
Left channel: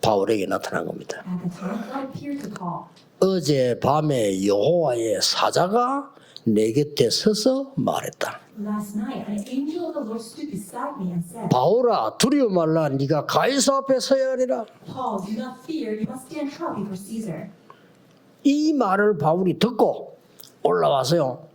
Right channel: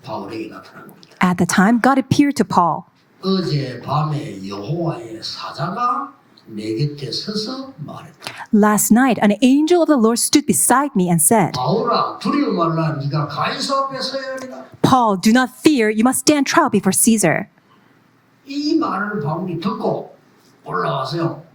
바울에게 나타난 겁니다. At the time, God appeared to Paul. 어제 밤에 여호와의 사자가 내 곁에 서서 말했다. Last night, an angel of the Lord stood beside me and said, 바울아 두려워 말라 네가 가이사 앞에 서야 하리라. Paul, do not fear, you must stand trial before Caesar. 이 말을 바울이 듣고 올라와서요.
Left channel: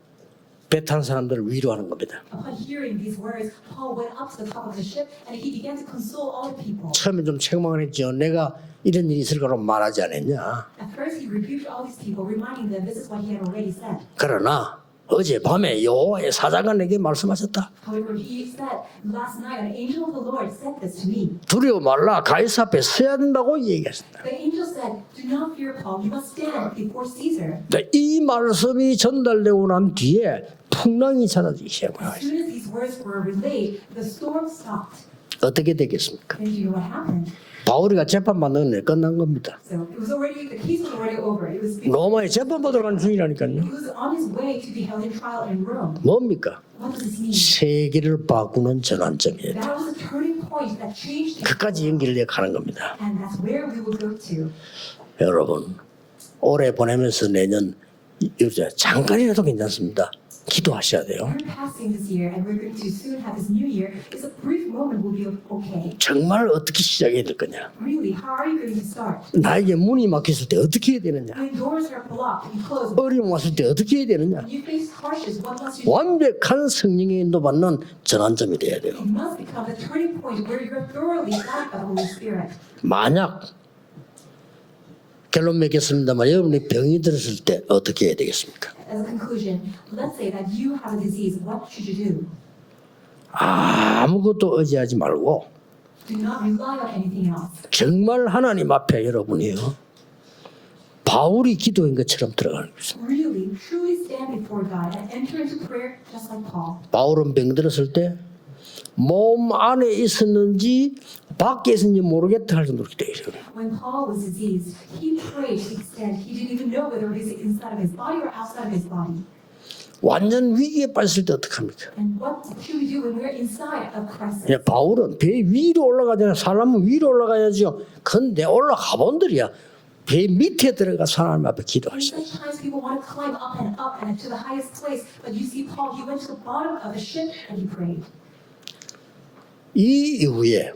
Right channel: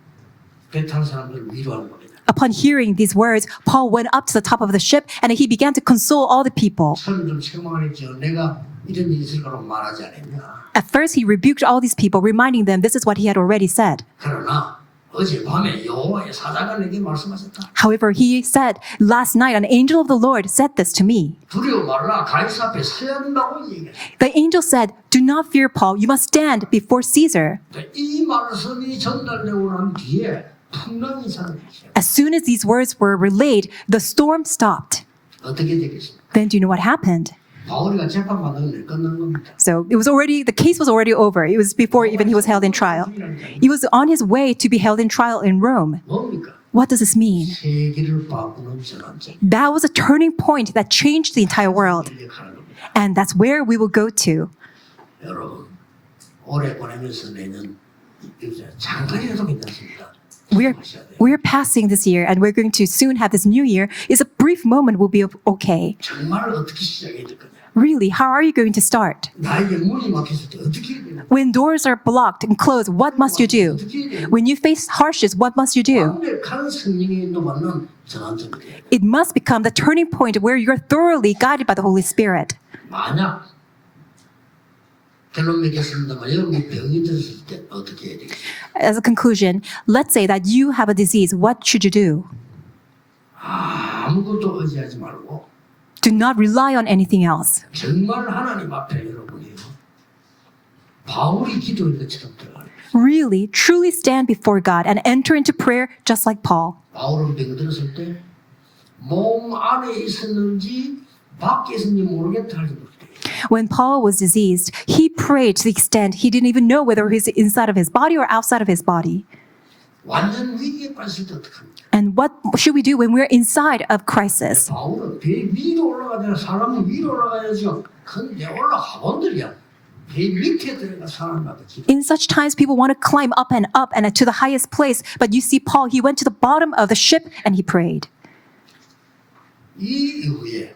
배 탄 사람들을 위로하는 겁니다. Upon hearing these words, Paul went up to the top of the ship and he began to console all the people. 처음에 좀 책망을 했죠. 내가 이런 일이 있을 거라고 말하지 않았냐. At first, he rebuked all these people, reminding them this is what he had already said. 그러나 어젯밤에 여호와의 사자가 내게 말씀하셨다. However, he said, last night an angel of the Lord said this to me. 두려워 말라. 가이사 앞에 서야 된다고 얘기했습니다. The angel said, do not fear, Paul. You must stand before Caesar. 이 말씀이 전달되고 난 뒤에 풍랑이 사라지기 시작합니다. As soon as these words were relayed, the storm stopped. 어떻게 되겠습니까? Then do you know what happened? 바울이가 재판 받는 게 끝난 겁니다. So the case was already over. It was before even he was held in trial. He was on his way to be held in trial in Rome. 뭡니까? What does this mean? 세계를 바꾸는 전환점이에요. That was a turning point that changed the entire world. 연결해 가는 겁니다. And that's where we will go to. 여러분, 올해 보내면서 내년 잠깐이라도 괜찮습니다. 기도하셔야 돼요. We're passing this year and we're going to soon have this new year. It's a brief moment will be okay. 정말 어떻게 시작해야 될 거냐? Really, how are you going to start? 나에게 문이 막혔을 때 어떻게 해야 되느냐? When doors are blocked and closed, what must you do? 어떻게 해야 되느냐? When you face hardships, what must you do? 완벽한 성령의 인도받는 전환점이 돼야 돼요. It must become the turning point where you're thoroughly guided by the Holy Spirit. 만약 결론 맺겠습니다만 여러분이 병이 들었을 때 어떻게 해야 되겠습니까? As a conclusion, let's say that you have a disease. What should you do? 아무것도 의지하지 말고 Do not rely on anything else. 정말 하나님 앞에 여러분이요. 바울이 기도한 것처럼 들어가는 거예요. Really, truly stand before God and enter into prayer just like Paul. 바울은 병 들었을 때 몸 안에 있었는지 밖에 있었는지 모르겠다 할 정도로 기도했어요. When Paul was diseased, he prayed to the extent he didn't even know whether he's inside of his body or outside of his body. 완전 위기에 빠졌을 때 어떡합니까? And what should we do when we're inside of crisis? 바울은 배 위로 올라가야 사람은 위로 올라가야죠. 근데 올라가 본들이야. 배 밑에 들어가 사람 앞에 In 기도하시죠. such times, people want to climb up and to the highest place. But you see, Paul, he went to the bottom of the ship and he prayed. 이 이후에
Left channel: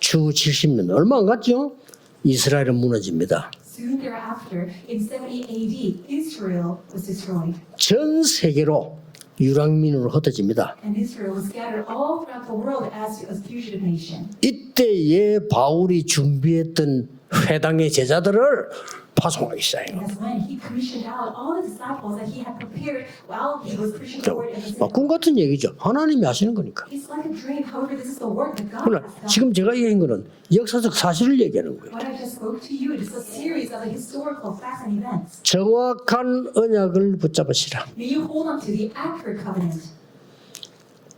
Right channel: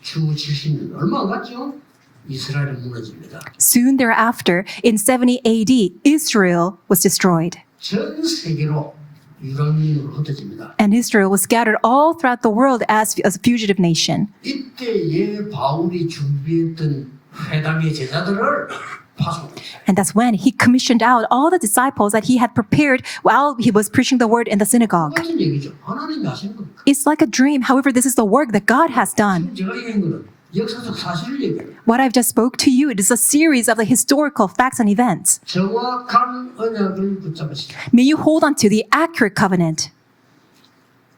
추후 70년 얼마 안 갔죠? 이스라엘은 무너집니다. Soon thereafter, in 70 AD, Israel was destroyed. 전 세계로 유랑민으로 흩어집니다. And Israel was scattered all throughout the world as a fugitive nation. 이때에 바울이 준비했던 회당의 제자들을 파송하기 시작해요. And that's when he commissioned out all the disciples that he had prepared while he was preaching the word in the 꿈 synagogue. 같은 얘기죠. 하나님이 하시는 거니까. It's like a dream. However, this is the work that God has done. 지금 제가 얘기한 거는 역사적 사실을 얘기하는 거예요. What I've just spoke to you, it is a series of the historical facts and events. 정확한 언약을 붙잡으시라. May you hold on to the accurate covenant.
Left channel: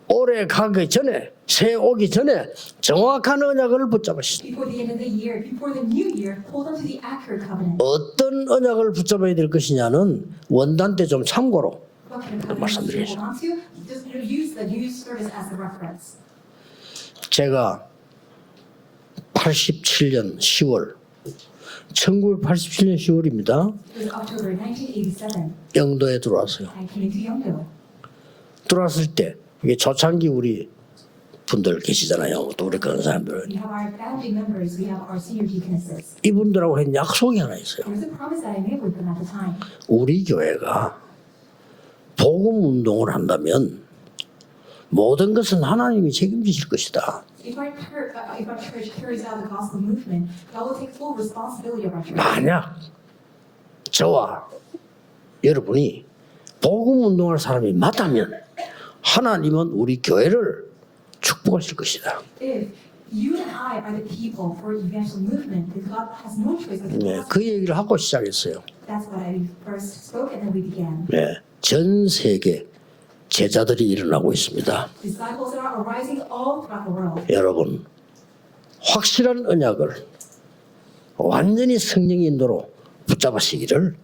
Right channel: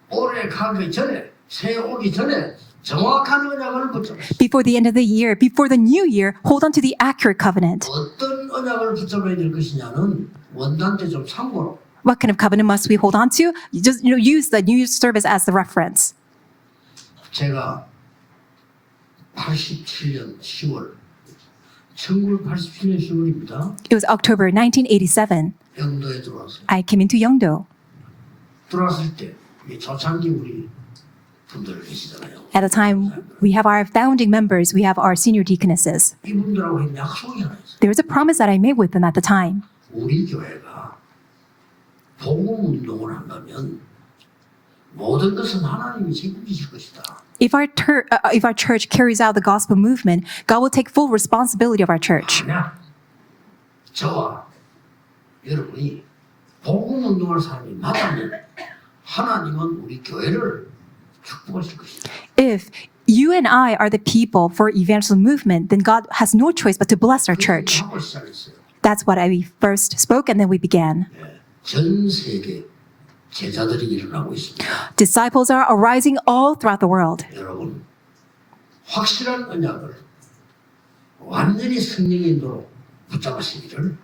올해 가기 전에 새해 오기 전에 정확한 언약을 붙잡으시라. Before the end of the year, before the new year, hold on to the accurate covenant. 어떤 언약을 붙잡아야 될 것이냐는 원단 때 좀 참고로 What kind of covenant must we hold on to? You just use the New Year's service as the reference. 제가 87년 10월 1987년 10월입니다. It was October 1987. 영도에 들어왔어요. I came into Yeongdo. 들어왔을 때 이게 초창기 우리 분들 계시잖아요. At a time, 사람들. we have our founding members, we have our senior deaconesses. 이분들하고 한 약속이 하나 있어요. There was a promise that I made with them at the time. 우리 교회가 복음 운동을 한다면 모든 것은 하나님이 책임지실 것이다. If our church carries out the gospel movement, God will take full responsibility of our church. 만약 저와 여러분이 복음 운동할 사람이 맞다면 하나님은 우리 교회를 축복하실 것이다. If you and I are the people for evangelism movement, then God has no choice but to bless our 그 얘기를 church. 하고 시작했어요. That's what I first spoke, and then we began. 네, 전 세계 제자들이 일어나고 있습니다. Disciples are arising all throughout the world. 여러분, 확실한 언약을 완전히 성령의 인도로 붙잡으시기를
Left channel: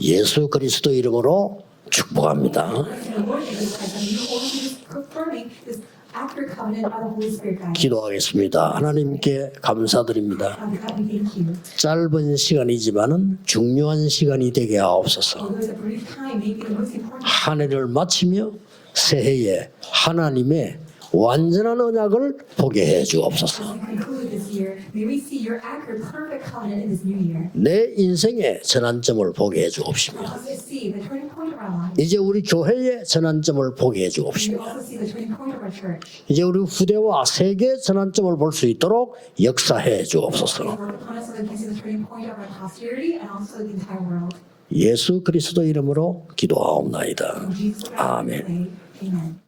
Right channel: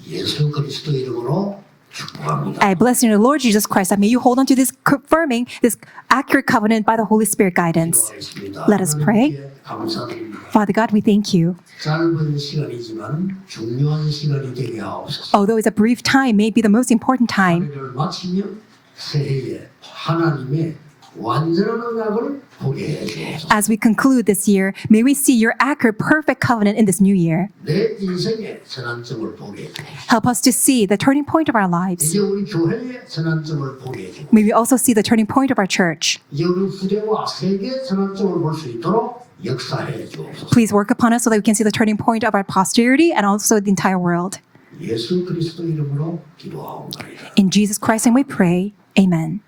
예수 그리스도 이름으로 축복합니다. I bless you in the Lord Jesus Christ, and may you hold on to this confirming this accurate covenant by the Holy Spirit guidance. 기도하겠습니다. Let us pray. 하나님께 감사드립니다. Father God, we thank you. 짧은 시간이지만은 중요한 시간이 되게 하옵소서. Although it's a brief time, may be the most important 한 time. 해를 마치며 새해에 하나님의 완전한 언약을 보게 해 주옵소서. As we conclude this year, may we see your accurate, perfect covenant in this new year. 내 인생의 전환점을 보게 해 주옵시고 Help us to see the turning point of our lives. 이제 우리 교회의 전환점을 보게 해 May we 주옵시고 also see the turning point of our church. 이제 우리 후대와 세계 전환점을 볼 수 있도록 역사해 주옵소서. Please work upon us so that we can see the turning point of our posterity and also the entire world. 예수 그리스도 이름으로 기도하옵나이다. In Jesus Christ, and we 아멘. pray. Amen.